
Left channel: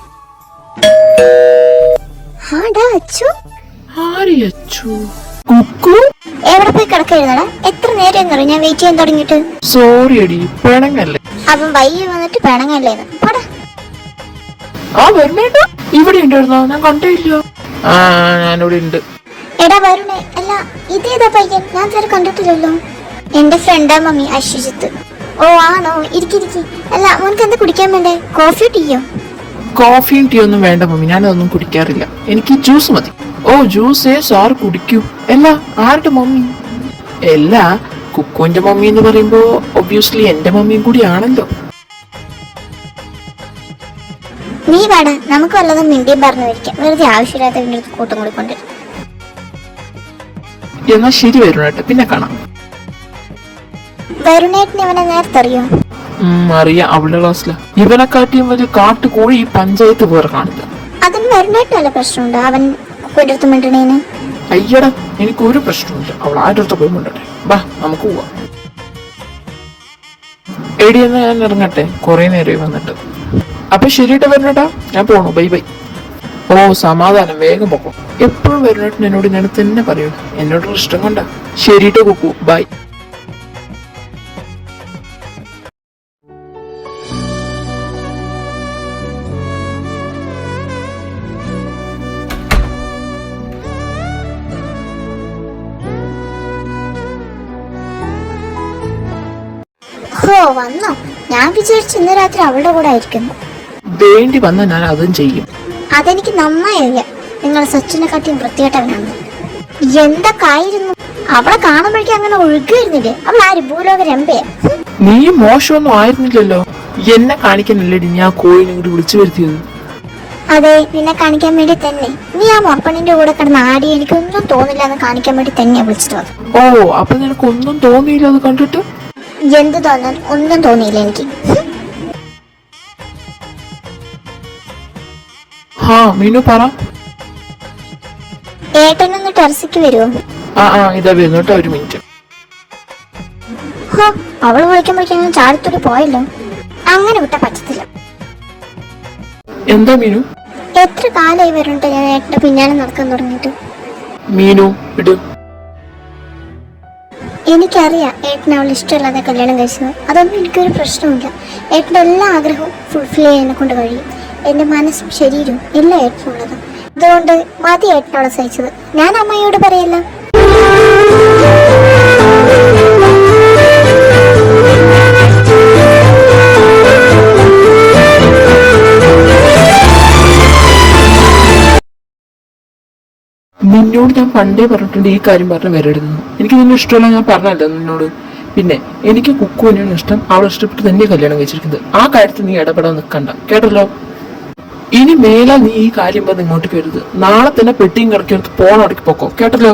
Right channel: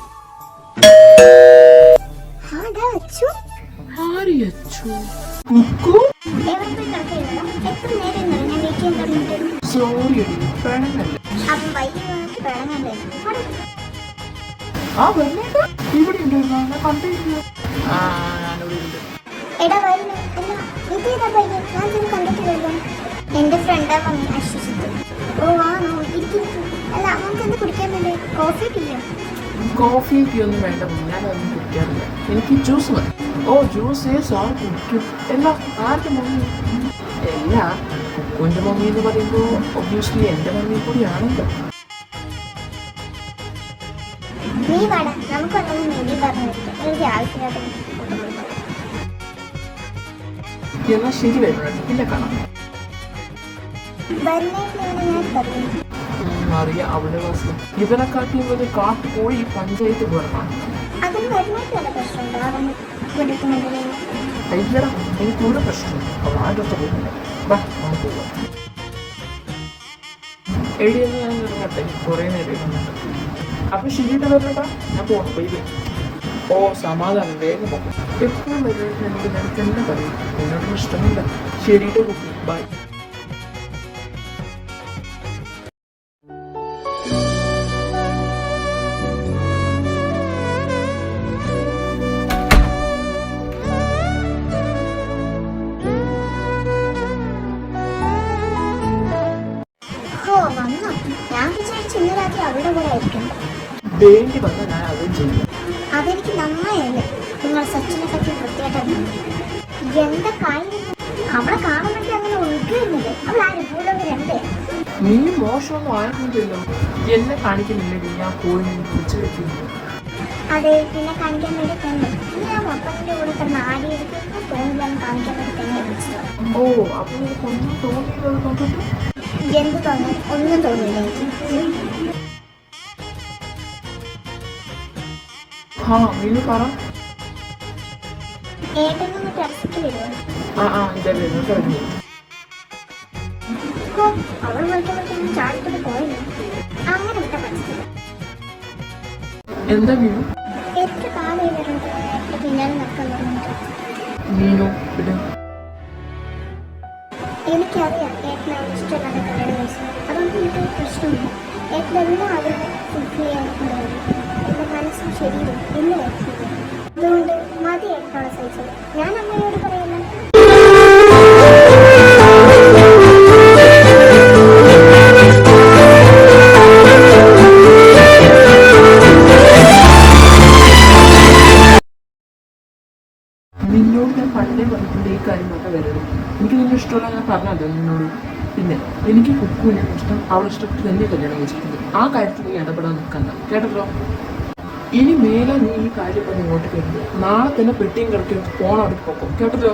എവിടെ പോയി കിടക്കരുതടാ? എത്ര നേരം ഞാൻ വെയിറ്റ് ചെയ്യാൻ തുടങ്ങിയിട്ട്. സോറി അടി, പിണങ്ങല്ലേ. അവൻ വൈകി വന്നിട്ട് പിണങ്ങല്ലേ? ഇവിടെ ഉണ്ടായിരുന്നോ? ഞാൻ കണ്ടില്ല. ഞാനിവിടെ ഉണ്ട്. എടാ വരുണേ, അല്ല ഇതേതാ പയ്യൻ? ഞാൻ ഇതുവരെ കണ്ടിട്ടില്ലല്ലോ. എന്റെ ഫ്രണ്ടാ മമ്മി, അശ്വജിത്ത്. ഓ ആണോ? ഇരിക്കിരിക്കി. അല്ല മോനക്ക് എന്താ കുടിക്കാൻ വേണ്ടേ? കോഫി ടീയോ? കോഫിയും ടീ ഒന്നും വേണ്ട മമ്മി, ഞാനതൊന്നും കുടിക്കാറില്ല. എനിക്ക് ജ്യൂസ് മതി. ഓ ജ്യൂസേ സാർ കുടിക്കൂ. അല്ല ആരുടെ മമ്മി? അല്ല കുക്കുവിന്റെ മമ്മി എന്ന് പറയുമ്പോ ഒബ്വിയസ്ലി എന്റെ മമ്മിയും കൂടി ആണല്ലോ. നീ വേണ്ട, നമുക്ക് വല്ലതും മിണ്ടിയും പറഞ്ഞു വയ്ക്കാം. വെറുതെ ആവശ്യമില്ലാത്ത കൂട്ടം കൊടുക്കൊണ്ട്. എന്നാ ശരി വരുണേട്ടെ, പിന്നെ കാണാം. വരുണേട്ടിന് ഇവനെ നേരത്തെ അറിയോ? അറിയാം, അവളുടെ ക്ലാസ്സില്. ഇവനെക്കാട്ടിയും വലിയ കാട്ടുകോഴി ഈ പഞ്ചായത്ത് വേറെ കാണില്ല. അതിന് വരുണേട്ടിന് വല്ല പ്രശ്നമുണ്ടോ? അവൻ കുടുത്ത് മിണ്ടണേന്? അയ്യടാ, എനിക്ക് ഒരു പ്രശ്നമില്ല. അവൾ ആരുടെ അടുത്ത് പോയി മിണ്ടട്ടെ. ബാ നമുക്ക് പോവാം. എടി എന്നാ ഞാൻ ഇറങ്ങട്ടെ, കുറെ നേരമായി വന്നിട്ട്. അപ്പൊ ശരിയിട്ട് വരണേട്ടാ, ഞാൻ പോണു. Bye bye. ഓ സമാധാനം, വേഗം പോക്കും. എപ്പോഴും വരുന്നേട്ടൻ എന്നോട് ഞാൻ തന്നെ പറയൂ, എന്നോടൊരു ഇഷ്ടം കണ്ട. ശരിയിട്ട് കുക്കു, ബൈ. ഹോ വന്നോ? ഞാൻ വിചാരിച്ചു ഇന്ന് രാത്രി അവളുടെ കൂടെ ആയിരിക്കുന്നു. വേണ്ടി വന്ന ഞാൻ അതും ചെയ്യും. അതെനിക്ക് നന്നായി അറിയാം. നിങ്ങൾ സച്ചിനെ കാട്ടിയും വൃത്തികെട്ടവനാണ്. എന്തൊക്കെയായിരുന്നു അവളെ കാണുമ്പോഴേക്കും അങ്ങനെ ഒഴുകുന്നില്ലേ? അവൾ ആര്? ഭൂലോക രമ്പയാ. നീ മോശമൊന്നും ആയിരുന്നില്ലല്ലോ. എന്നെ കാണിക്കാനല്ലേടി ഞാൻ കോഴിനെ കൂടി വിളിച്ചു വരുത്തിയത്. അതെ, നിന്നെ കാണിക്കാൻ വേണ്ടി തന്നെ. നീ ആ മൊപ്പണിന്റെ കൂടെ കിടന്ന് ആടി എനിക്കൊന്നും തോന്നില്ല എന്ന് കാണിക്കാൻ വേണ്ടി തന്നെയാ വിളിച്ചിട്ട് വന്നത്. ഓ അപ്പൊ നിനക്ക് ഒന്നും തോന്നിയില്ല അത് കണ്ടിട്ട്? എന്ത് തോന്നാൻ? ഒന്നും തോന്നിയില്ല എനിക്ക്. ഹാ മീനു പറ. ഏട്ടനൊന്ന് ടെറസിക്ക് വരുമോ? ഇതാ വരുന്നു കേട്ടോ, ഒരു മിനിറ്റ്. അവള് വിളിക്കുമ്പോഴേക്കും ചാടിത്തോടി പോയല്ലോ. അങ്ങനെ വിട്ട പറ്റത്തില്ല. എന്താ മീനു? എത്ര കാലമായി വരണ്ട ഞാൻ ഏട്ടന്റെ പിന്നാലെ നടക്കാൻ തുടങ്ങിയിട്ട്. മീനു ഇടൂ. എനിക്കറിയാം ഏട്ടന് അവൾ ഇഷ്ടമല്ലാതെ കല്യാണം കഴിച്ചത്. അതൊന്നും എനിക്കൊരു പ്രശ്നമില്ല. ഏട്ടൻ്റെ എല്ലാ ആഗ്രഹവും ഫുൾഫിൽ ചെയ്യാനെ കൊണ്ട് കഴിയും. എൻ്റെ മനസ്സും ശരീരവും എല്ലാം ഏട്ടനുള്ളത്. അതുകൊണ്ട് മതി ഏട്ടനോട് സഹിച്ചത്. ഞാൻ അമ്മയോട് പറയല്ല. നിന്നോട് ഞാൻ പണ്ടേ പറഞ്ഞിട്ടുണ്ട് ഈ കാര്യം പറഞ്ഞ് വരരുതെന്ന്. എനിക്ക് നിന്നെ ഇഷ്ടമല്ല, ഞാൻ പറഞ്ഞല്ലോ നിന്നോട്. പിന്നെ എനിക്ക് കുക്കുവിനാണ് ഇഷ്ടം. അവളെ ഇഷ്ടപ്പെട്ട് തന്നെ കല്യാണം കഴിച്ചിരിക്കുന്നത്. ആ കാര്യത്തിൽ നീ ഇടപെടാൻ നിൽക്കണ്ട, കേട്ടല്ലോ. ഇനി മേലാ നീ ഈ കാര്യം പറഞ്ഞ് ഇങ്ങോട്ട് കയറുത്. നാളെ തന്നെ പെട്ടിയും കിടക്കി പോണടക്കി പൊക്കോ, കേട്ടല്ലോ.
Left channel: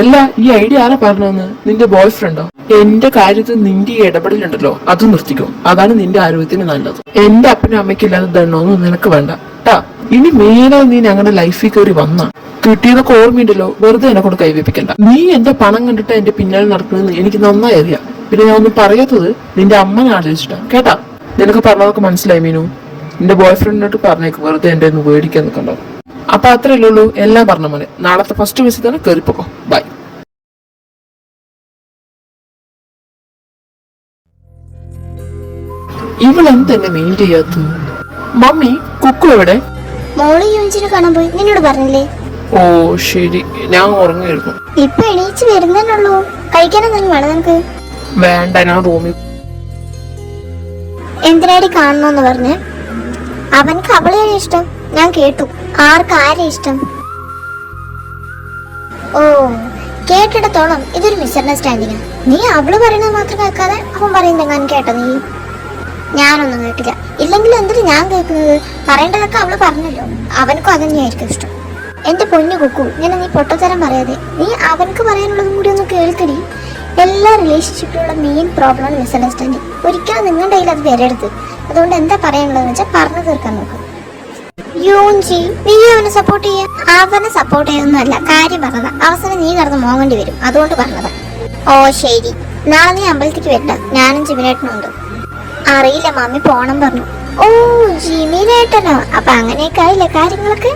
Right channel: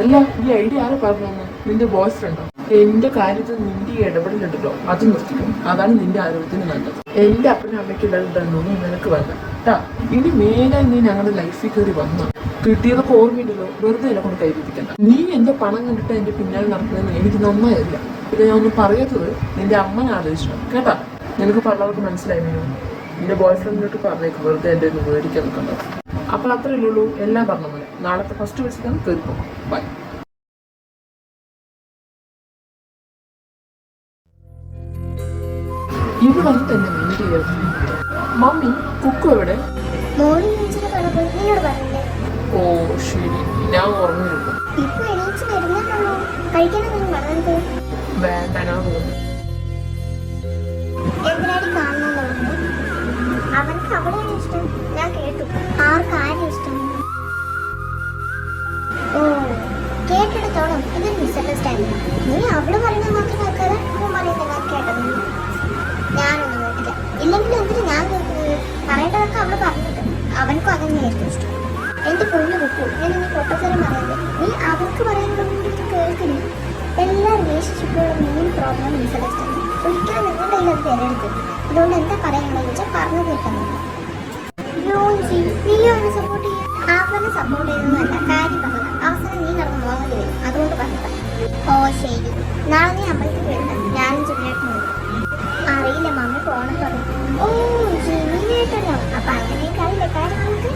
അല്ല, ഈ ഐഡിയ ആരാ പറഞ്ഞതെന്ന്? നിന്റെ ബോയ് ഫ്രണ്ടോ? എന്റെ കാര്യത്തിൽ നിന്റെ ഈ ഇടപെടലുണ്ടല്ലോ, അത് നിർത്തിക്കും. അതാണ് നിന്റെ ആരോഗ്യത്തിന് നല്ലത്. എന്റെ അപ്പനും അമ്മയ്ക്കും ഇല്ലാതെ ദണ്ണമൊന്നും നിനക്ക് വേണ്ട ട്ടാ. ഇനി മേലാ നീ ഞങ്ങളുടെ ലൈഫിൽ കയറി വന്ന കിട്ടിയതൊക്കെ ഓർമ്മയുണ്ടല്ലോ, വെറുതെ എന്നെ കൊണ്ട് കൈവപ്പിക്കണ്ട. നീ എന്റെ പണം കണ്ടിട്ട് എന്റെ പിന്നാലെ നടക്കുന്നതെന്ന് എനിക്ക് നന്നായി അറിയാം. പിന്നെ ഞാൻ ഒന്നും പറയാത്തത് നിന്റെ അമ്മനെ ആലോചിച്ചിട്ടാ, കേട്ടാ. നിനക്ക് പറഞ്ഞതൊക്കെ മനസ്സിലായി മീനു. നിന്റെ ബോയ് ഫ്രണ്ടിനോട്ട് പറഞ്ഞേക്ക് വെറുതെ എന്റെ ഒന്ന് മേടിക്കാൻ നിൽക്കണ്ട. അപ്പൊ അത്രയല്ലേ ഉള്ളൂ, എല്ലാം പറഞ്ഞ പോലെ. നാളത്തെ ഫസ്റ്റ് വിസിറ്റ് തന്നെ കയറിപ്പോക്കോ. ബൈ. ഇവളെന്തെന്നെ മെയിൻ ചെയ്യാത്ത? മമ്മി കുക്കു എവിടെ? മോളി യോജിനെ കാണാൻ പോയി. നിന്നോട് പറഞ്ഞില്ലേ? ഓ ശരി, ഞാൻ ഉറങ്ങിയിരുന്നു. ഇപ്പൊ എണീച്ച് വരുന്നുള്ളൂ. കഴിക്കാനെന്തെങ്കിലും വേണം നിനക്ക്? വേണ്ട, ഞാൻ റൂമിൽ. എന്തിനാടി കാണണോന്ന് പറഞ്ഞ്? അവനക്ക് അവളെയാണ് ഇഷ്ടം. ഞാൻ കേട്ടു. ആരെ ഇഷ്ടം? ഓ, കേട്ടിടത്തോളം ഇതൊരു മിസ്അണ്ടർസ്റ്റാൻഡിങ്. നീ അവള് പറയുന്നത് മാത്രം കേൾക്കാതെ അവൻ പറയുന്നെങ്ങാനും കേട്ടോ നീ? ഞാനൊന്നും കേട്ടില്ല. ഇല്ലെങ്കിൽ എന്തിനാ ഞാൻ കേൾക്കുന്നത്? പറയേണ്ടതൊക്കെ അവള് പറഞ്ഞല്ലോ. അവനക്കും അതന്നെയായിരിക്കും ഇഷ്ടം. എന്റെ പൊന്നു കുക്കു, ഇങ്ങനെ നീ പൊട്ടത്തരം പറയാതെ നീ അവനക്ക് പറയാനുള്ളതും കൂടി ഒന്ന് കേൾക്കടി. എല്ലാ റിലേഷൻഷിപ്പിലുള്ള മെയിൻ പ്രോബ്ലം മിസ്അണ്ടർസ്റ്റാൻഡിങ്. ഒരിക്കലും നിങ്ങളുടെ കയ്യിൽ അത് വരരുത്. അതുകൊണ്ട് എന്താ പറയാനുള്ളതെന്ന് വെച്ചാൽ പറഞ്ഞു തീർക്കാൻ നോക്കും. യോഞ്ചി, നീ അവനെ സപ്പോർട്ട് ചെയ്യാ? അവനെ സപ്പോർട്ട് ചെയ്യൊന്നുമല്ല, കാര്യം പറഞ്ഞതാ. അവസാനം നീ കടന്ന് മോങ്ങേണ്ടി വരും, അതുകൊണ്ട് പറഞ്ഞതാ. ഓ ശരി, നാളെ നീ അമ്പലത്തേക്ക് വരണ്ട. ഞാനും ജിമിനേട്ടനും ഉണ്ട്. അറിയില്ല, മമ്മി പോണം പറഞ്ഞു. ഓ ജിമിനേട്ടനോ? അപ്പൊ അങ്ങനെയൊക്കെ ആയില്ലേ കാര്യങ്ങളൊക്കെ?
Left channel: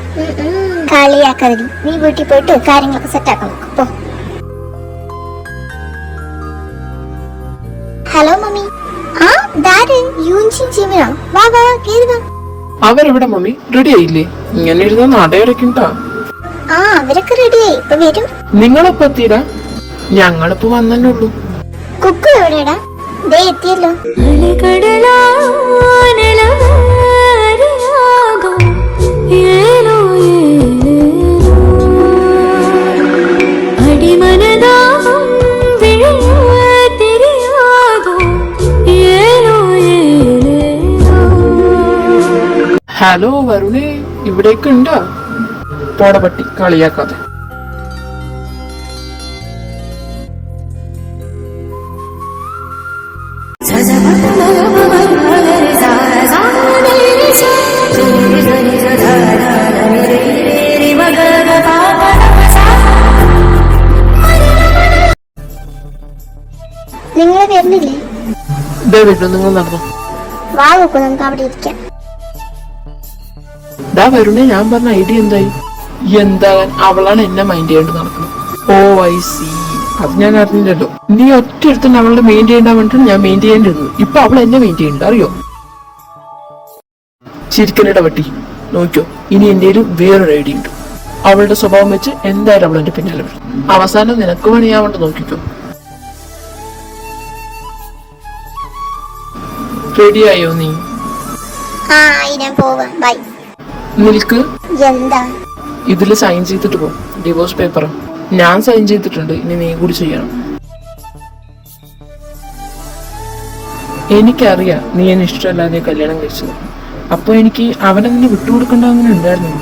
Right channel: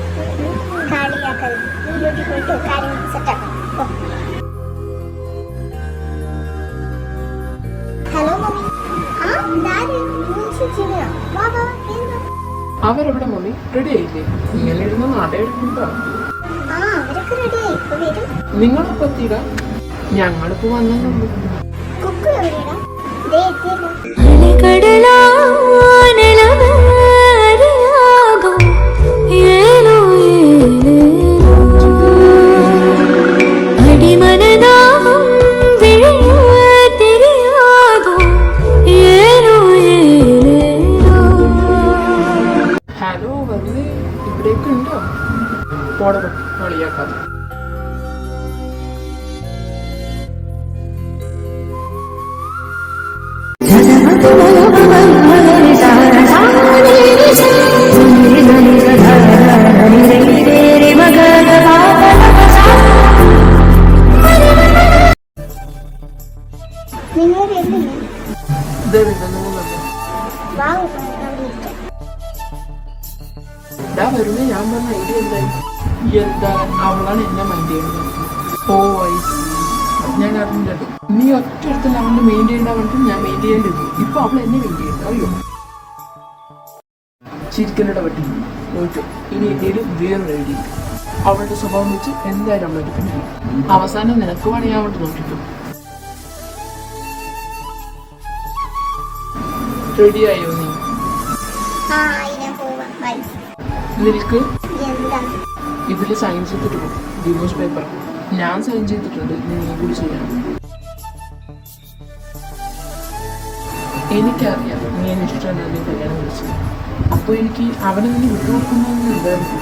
കളിയാക്കാതിരി. നീ വീട്ടിൽ പോയിട്ട് കാര്യങ്ങളൊക്കെ സെറ്റാക്കാൻ നോക്കും. പോ. Hello mummy. ആ ദാര് യൂൻജിൻ ജിമിനോ? വാ വാ, കേറി വാ. അവരെവിടെ മമ്മി? റെഡി ആയില്ലേ? ഇങ്ങനെ ഇരുന്ന നടയടക്കിണ്ടാ. ആ അവരൊക്കെ റെഡിയായി, ഇപ്പൊ വരും. നിങ്ങളെപ്പോ എത്തിയിടാ? ഞങ്ങളിപ്പോ വന്നേ ഉള്ളൂ. കുക്കു എവിടെയാടാ? ദേ എത്തിയല്ലോ. ഹലോ വരുണേ, ഇവിടേക്ക് ഉണ്ടാ? പോടപട്ടി, കളിയാക്കാതെ. നിങ്ങൾ വരുന്നില്ലേ? ഇതേ വീട്ടിൽ നിങ്ങൾ നടന്നു. വാ നോക്കൂ, നമുക്ക് അവിടെ ഇരിക്കാം. ഇതാ വരുണേ, ഞാൻ പറഞ്ഞ ഐഡിയ എന്തായി? എന്താ, അവളാണ് എന്നെ മൈൻഡ് ചെയ്യേണ്ടത് നടക്കുന്നത്. ഓ ഐ സി, അത് ഞാൻ അറിഞ്ഞില്ലല്ലോ. നീ ഒറ്റ അടുത്ത് അവളുടെ മെയിൻ ചെയ്യേണ്ട വേണ്ടിട്ട് ഞാൻ മെയിൻ ചെയ്യേണ്ടിരുന്നു. ഇപ്പൊ അവൾ എന്നെ മെയിൻ ചെയ്യണ്ട, അറിയോ? ചിരിക്കനയുടെ വട്ടി നോക്കിയോ, ഇനി എന്റെ വേറൊരു ഐഡിയ ഉണ്ട്. അവളുടെ സ്വഭാവം വെച്ച് എന്തായാലും അവൾ എന്റെ പിന്നാലെ വരും. അവസാനം നിനക്ക് പണിയാവണ്ട, നോക്കിക്കോ. റെഡിയായോ നീ? ആ, ഞാൻ പോവാം. ബൈ. നിൽക്ക്. എന്താ? ഇതില് സൈൻ ചെയ്തിട്ട് പോ. ഡിവോഴ്സ് പേപ്പർ ഞാൻ സൈൻ ചെയ്തിട്ടുണ്ട്, ഇനി നീ കൂടി ചെയ്യണം. എനിക്കറിയാം നീ എന്നെ ഇഷ്ടമല്ലാതെ കല്യാണം കഴിച്ചത്. അപ്പൊ എനിക്ക് അവനെന്നെ വിട്ടുകൊടുക്കേണ്ട അങ്ങനെ ഉണ്ടായിരുന്നു.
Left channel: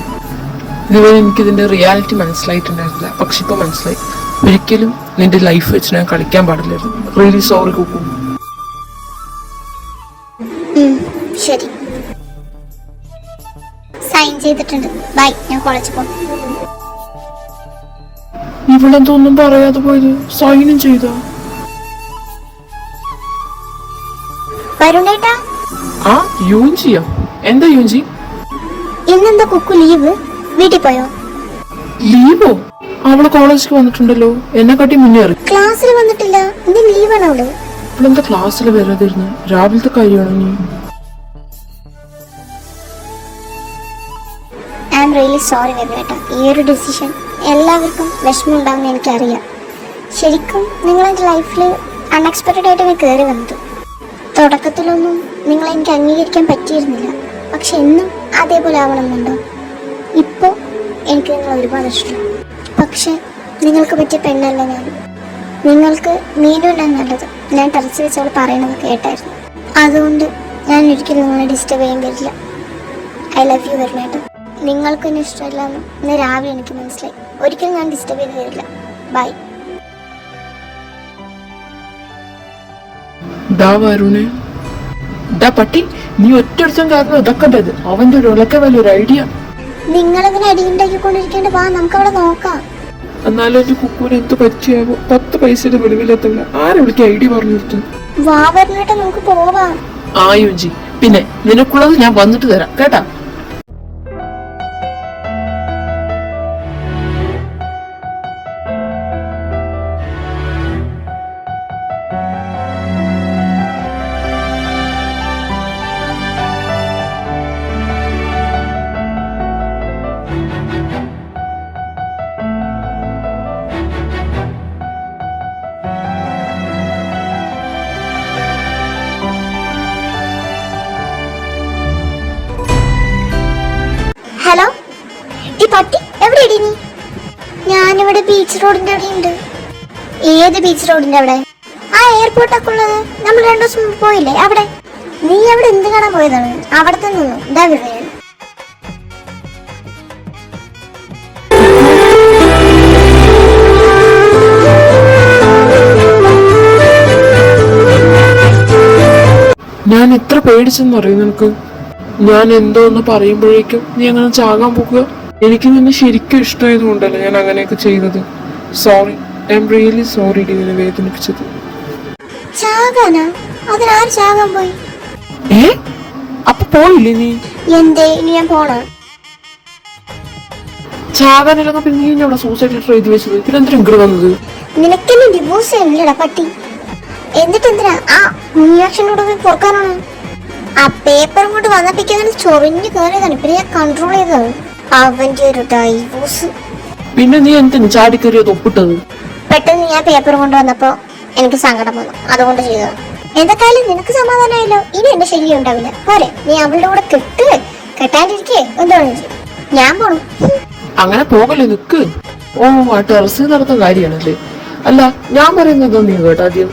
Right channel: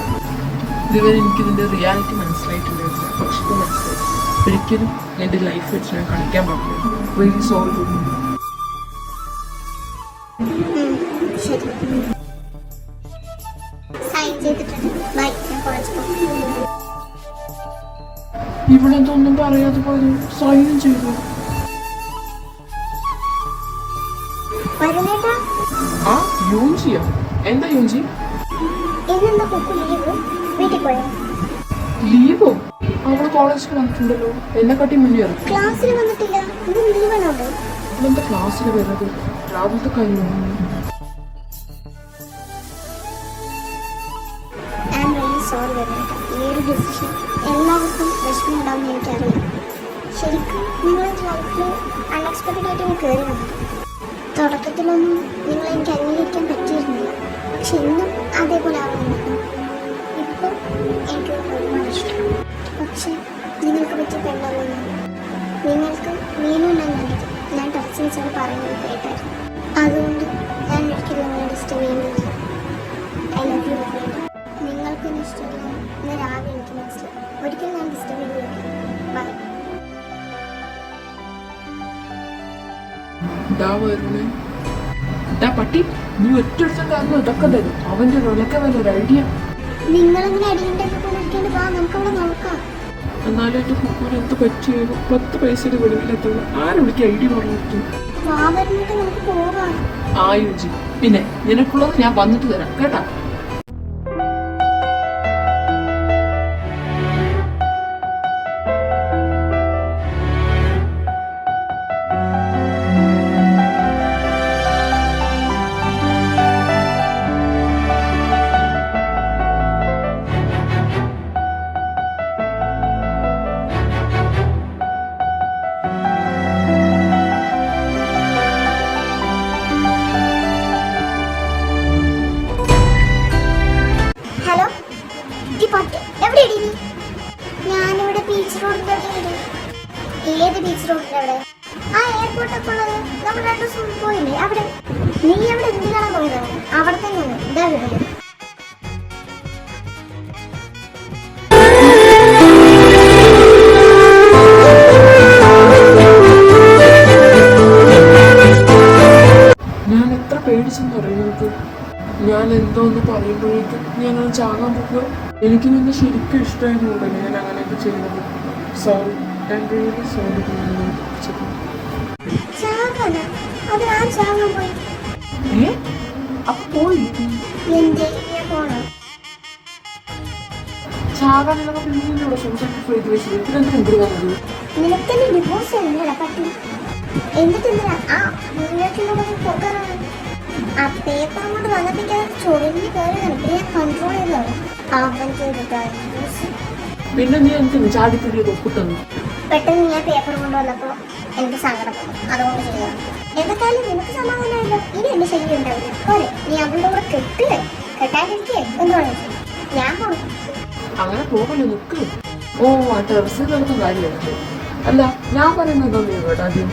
ഇതുവരെ എനിക്കിതിന്റെ റിയാലിറ്റി മനസ്സിലായിട്ടുണ്ടായിരുന്നില്ല, പക്ഷെ ഇപ്പൊ മനസ്സിലായി. ഒരിക്കലും നിന്റെ ലൈഫ് വെച്ച് ഞാൻ കളിക്കാൻ പാടില്ലായിരുന്നു. Really sorry Kukku. ശരി, സൈൻ ചെയ്തിട്ടുണ്ട്. ബൈ, ഞാൻ കോളേജിൽ പോകും. ഇവളെന്തൊന്നും പറയാതെ പോയത്? സൈനും ചെയ്തോ? വരുണേട്ടാ. ആ, യൂഞ്ചിയോ? എന്താ യൂഞ്ചി? ഇന്നെന്താ കുക്കു ലീവ്? വീട്ടിൽ പോയോ? ലീവോ? അവള് കോളേജിൽ വന്നിട്ടുണ്ടല്ലോ, എന്നെ കാട്ടി മുന്നേറി. ക്ലാസ്സിൽ വന്നിട്ടില്ല, ഇന്ന് ലീവാണ് അവള്. അവളെന്താ ക്ലാസ്സിൽ വരാതിരുന്നു? രാവിലത്തെ കാര്യമാണോ നീ? ഐ ആം റിയലി സോറി വരുണേട്ടാ. ഈ ഒരു ഡിസിഷൻ എല്ലാവർക്കും വിഷമം ഉണ്ടാവുമെന്ന് എനിക്കറിയാം. ശരിക്കും നിങ്ങളെൻ്റെ ലൈഫിൽ അൺഎക്സ്പെക്റ്റഡ് ആയിട്ട് ഞാൻ കയറി വന്നത്. തുടക്കത്തിലൊന്നും നിങ്ങളെനിക്ക് അംഗീകരിക്കാൻ പറ്റിയിരുന്നില്ല, പക്ഷെ എന്നും അതേപോലെ ആവണമെന്നുണ്ടോ? ഇപ്പോൾ എനിക്ക് നിങ്ങൾ ഒരുപാട് ഇഷ്ടമാണ്. പക്ഷെ നിങ്ങൾക്ക് പറ്റിയ പെണ്ണല്ല ഞാൻ. നിങ്ങൾക്ക് മീനുണ്ടാണ് നല്ലത്. ഞാൻ ടെറസിൽ വെച്ച് അവൾ പറയുന്നത് കേട്ടായിരുന്നു. അതുകൊണ്ട് ഞാൻ ഒരിക്കലും നിങ്ങളെ ഡിസ്റ്റർബ് ചെയ്യാൻ പറ്റില്ല. ഐ ലവ് യു വരുണേട്ടാ. നിങ്ങൾക്ക് എന്നെ ഇഷ്ടമല്ല എന്ന് ഇന്ന് രാവിലെ എനിക്ക് മനസ്സിലായി. ഒരിക്കലും ഞാൻ ഡിസ്റ്റർബ് ചെയ്ത് വരില്ല. ബൈ. വരുണേ, പട്ടി, നീ ഒറ്റ കാരണം ഇതൊക്കെ ഉണ്ടത്. അവന്റെ ഒരു ഇളക്ക വലിയൊരു ഐഡിയ. നിങ്ങളെങ്ങനെ അടിയുണ്ടാക്കിക്കൊണ്ടിരിക്കേണ്ട, വാ നമുക്ക് അവിടെ നോക്കാം. എന്നാലും എന്റെ കുക്കൂന് എന്ത് പറ്റിയാലും 10 പൈസയുടെ വെളിവിലെത്തില്ല. ആരെവിടേക്ക് ഐഡിയ പറഞ്ഞു കൊടുത്തു? വാ വരുണേട്ടാ, നമുക്ക് പോവാം. ആ യുജി, പിന്നെ നിനക്കുള്ളത് ഞാൻ വന്നിട്ട് തരാം കേട്ടാ. ഹലോ, ഈ പട്ടി എവിടെയാടി നീ? ഞാനിവിടെ ബീച്ച് റോഡിന്റെ അവിടെ ഉണ്ട്. ഏത് ബീച്ച് റോഡിന്റെ അവിടെ? ആ എയർപോർട്ടൊക്കെ ഉള്ളത്. നമ്മൾ 2 ദിവസം മുമ്പ് പോയില്ലേ അവിടെ? നീ അവിടെ എന്ത് കാണാൻ പോയതാണ്? അവിടെ തന്നെ എന്താ വിവരം? ഞാൻ എത്ര പേടിച്ചെന്ന് പറയും നിനക്ക്. ഞാൻ എന്തോന്ന് പറയുമ്പോഴേക്കും നീ അങ്ങനെ ചാകാൻ പോകുക. എനിക്ക് നിന്നെ ശരിക്കും ഇഷ്ടമായതുകൊണ്ടല്ലേ ഞാൻ അങ്ങനെയൊക്കെ ചെയ്തത്. Sorry, I am really sorry നിന്നെ വേദനിപ്പിച്ചത്. ചാകാനാ? അതിനാര് ചാകാൻ പോയി? അപ്പൊ പോയില്ലേ നീ? എന്തേ ഇനി ഞാൻ പോണോ? ചാകാനില്ലെങ്കിൽ പിന്നെ നീ അവിടെ സൂസൈഡ് ലെറ്റർ എഴുതി വെച്ചത്. പിന്നെ എന്തിനാ ഇങ്ങോട്ട് വന്നത്? നിനക്കെന്നെ ഡിവോഴ്സ് ചെയ്യണില്ലടാ പട്ടി. എന്നിട്ട് എന്തിനാ ആ മുനിയാക്ഷനോട് പൊറുക്കാനാണ്? ആ പേപ്പറും കൊണ്ട് വന്നപ്പിക്കാൻ ചൊറിഞ്ഞ് കയറിയതാണ്. പിന്നെ ഞാൻ കൺട്രോൾ ചെയ്തതാണ്. അവന്റെ ഒരു ഡൈവോഴ്സ്. പിന്നെ നീ എന്തിനു ചാടിക്കറിയത് ഒപ്പിട്ടത്? പെട്ടെന്ന് ഞാൻ പേപ്പർ കൊണ്ടുവന്നപ്പോ എനിക്ക് സങ്കടം വന്നു, അതുകൊണ്ട് ചെയ്തതാണ്. എന്തൊക്കെയായാലും നിനക്ക് സമാധാനമായല്ലോ. ഇനി എന്റെ ശല്യം ഉണ്ടാവില്ല. പോരെ, നീ അവളുടെ കൂടെ കെട്ടാണ്ടിരിക്കേ എന്താണ്? ഞാൻ പോണു. അങ്ങനെ പോകല്ലേ, നിക്ക്. ഓ, ആ ടെറസിൽ നടന്ന കാര്യമാണല്ലേ? അല്ല, ഞാൻ പറയുന്നത് നീ കേട്ടോ ആദ്യം.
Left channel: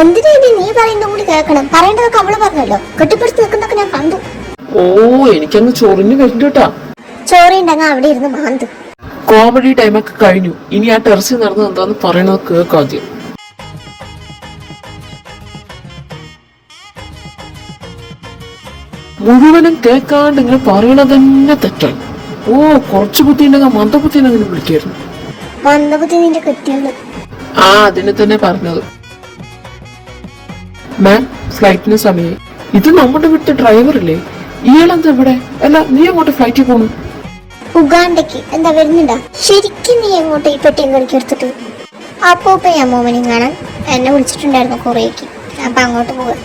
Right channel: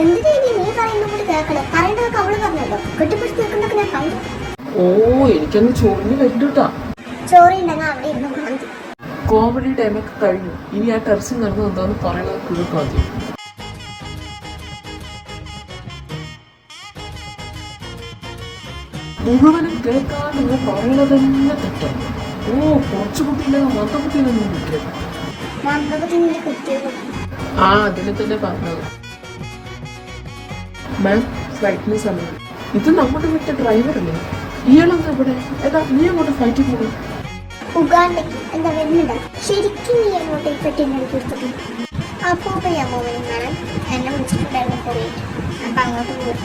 എന്തിനാ നീ പറയുന്ന കൂടി കേൾക്കണം? പറയേണ്ടതൊക്കെ അവള് പറഞ്ഞല്ലോ. കെട്ടിപ്പിടിച്ച് നിൽക്കുന്നതൊക്കെ ഞാൻ കണ്ടു. ഓ, എനിക്കങ്ങ് ചൊറിഞ്ഞു കഴിഞ്ഞിട്ടാ. ചോറി ഉണ്ടെങ്കിൽ അവിടെ ഇരുന്ന് മാന്തു. കോമഡി ടൈമൊക്കെ കഴിഞ്ഞു. ഇനി ആ ടെറസിൽ നടന്നത് എന്താന്ന് പറയണത് കേൾക്കാദ്യം. മുഴുവനും കേൾക്കാണ്ട് ഇങ്ങനെ പറയണത് തന്നെ തെറ്റാണ്. ഓ, കുറച്ചു ബുദ്ധി ഉണ്ടെങ്കിൽ മന്ദബുദ്ധി അങ്ങനെ വിളിക്കായിരുന്നു. മന്ദബുദ്ധി നിന്റെ കെട്ടിയുണ്ട്. ആ, അതിനെ തന്നെ പറഞ്ഞത്. മാം, ഫ്ലൈറ്റിന് സമയം. ഇത് നമ്മുടെ വീട്ടിലെ ഡ്രൈവറല്ലേ? ഇയാളെന്താ ഇവിടെ? അല്ല, നീ അങ്ങോട്ട് ഫ്ലൈറ്റിൽ പോണു? ഉഗാണ്ടയ്ക്ക്. എന്താ വരുന്നുണ്ടോ? ശരിക്കും നീ എങ്ങോട്ട് ഈ പെട്ടിയും കളിക്ക് എടുത്തിട്ട്? അപ്പോ അമ്മൂമ്മനെയും കാണാൻ എന്നെ വിളിച്ചിട്ടുണ്ടായിരുന്നു കുറേക്ക്. അപ്പൊ അങ്ങോട്ട് പോവുക.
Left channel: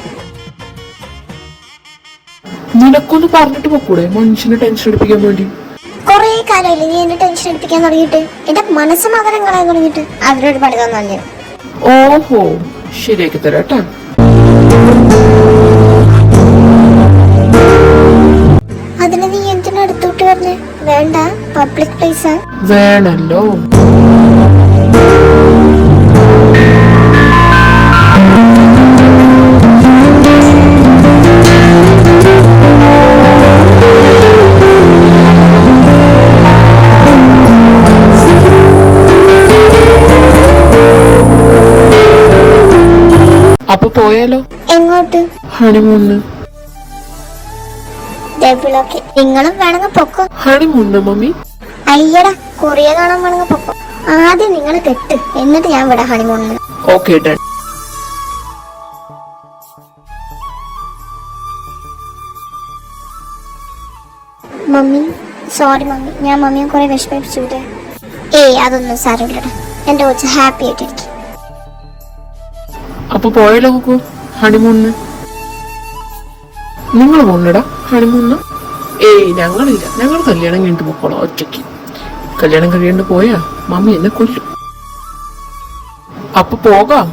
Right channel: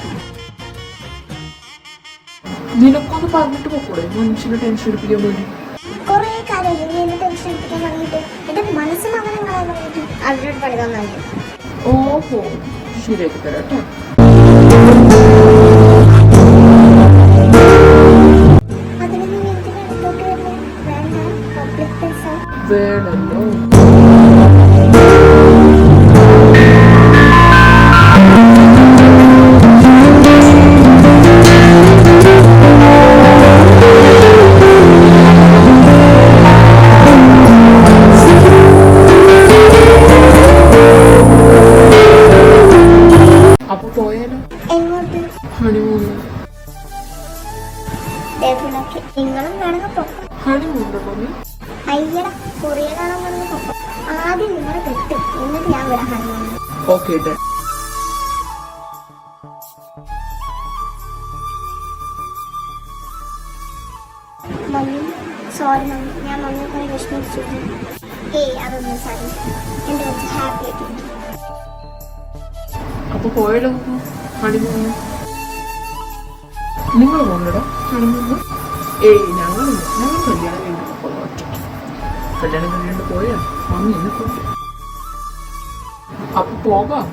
നിനക്കൊന്ന് പറഞ്ഞിട്ട് പോക്കൂടെ മനുഷ്യനെ ടെൻഷൻ എടുപ്പിക്കാൻ വേണ്ടി? കൊറേ കാലമല്ലേ നീ എന്നെ ടെൻഷൻ എടുപ്പിക്കാൻ തുടങ്ങിയിട്ട്, എന്റെ മനസ്സമാധാനം കളയാൻ തുടങ്ങിയിട്ട്. അവരോട് പണി തന്നു. ഓഹോ, ശരിയാക്കി തരാട്ടാ. അതിന് നീ എന്തിനാ അടുത്തോട്ട് പറഞ്ഞേ? വേണ്ട, പബ്ലിക് പ്ലേസ്. വേണല്ലോ. അപ്പൊ പോയാലോ? എങ്ങോട്ട്? ഹണിമൂണ്. നിങ്ങളും വേണമെങ്കിൽ പൊക്കോ. Honeymoon mummy. അയ്യടാ, കൊറിയ കാണാൻ വേണമെങ്കിൽ പൊക്കോ. ആദ്യം നിങ്ങൾ കെട്ട്, എന്നിട്ട് ഞാൻ വിടാം ഹണിമൂണിന്. Okay done. Mummy, sorry mummy, ഞാൻ മമ്മിയെ കുറെ വിഷമിപ്പിച്ചു. ഏയ്, അതൊന്നും സാരമില്ലടാ. എന്റെ കൊച്ച് ഹാപ്പി ആയിട്ടിരിക്കും. അപ്പൊ പോയാലോ നോക്കൂ ഹണിമൂണിന്? നിങ്ങൾ പോണടാ ഹണിമൂണിന്? ഏയ്, ഞങ്ങളില്ല. ഞങ്ങൾ കല്യാണം കഴിഞ്ഞിട്ട് പോക്കോളാം ഒറ്റയ്ക്ക്. കല്യാണം കഴിയാണ്ട് പോയാ മമ്മി എന്നെ കൊല്ലും. അപ്പൊ പോകാം.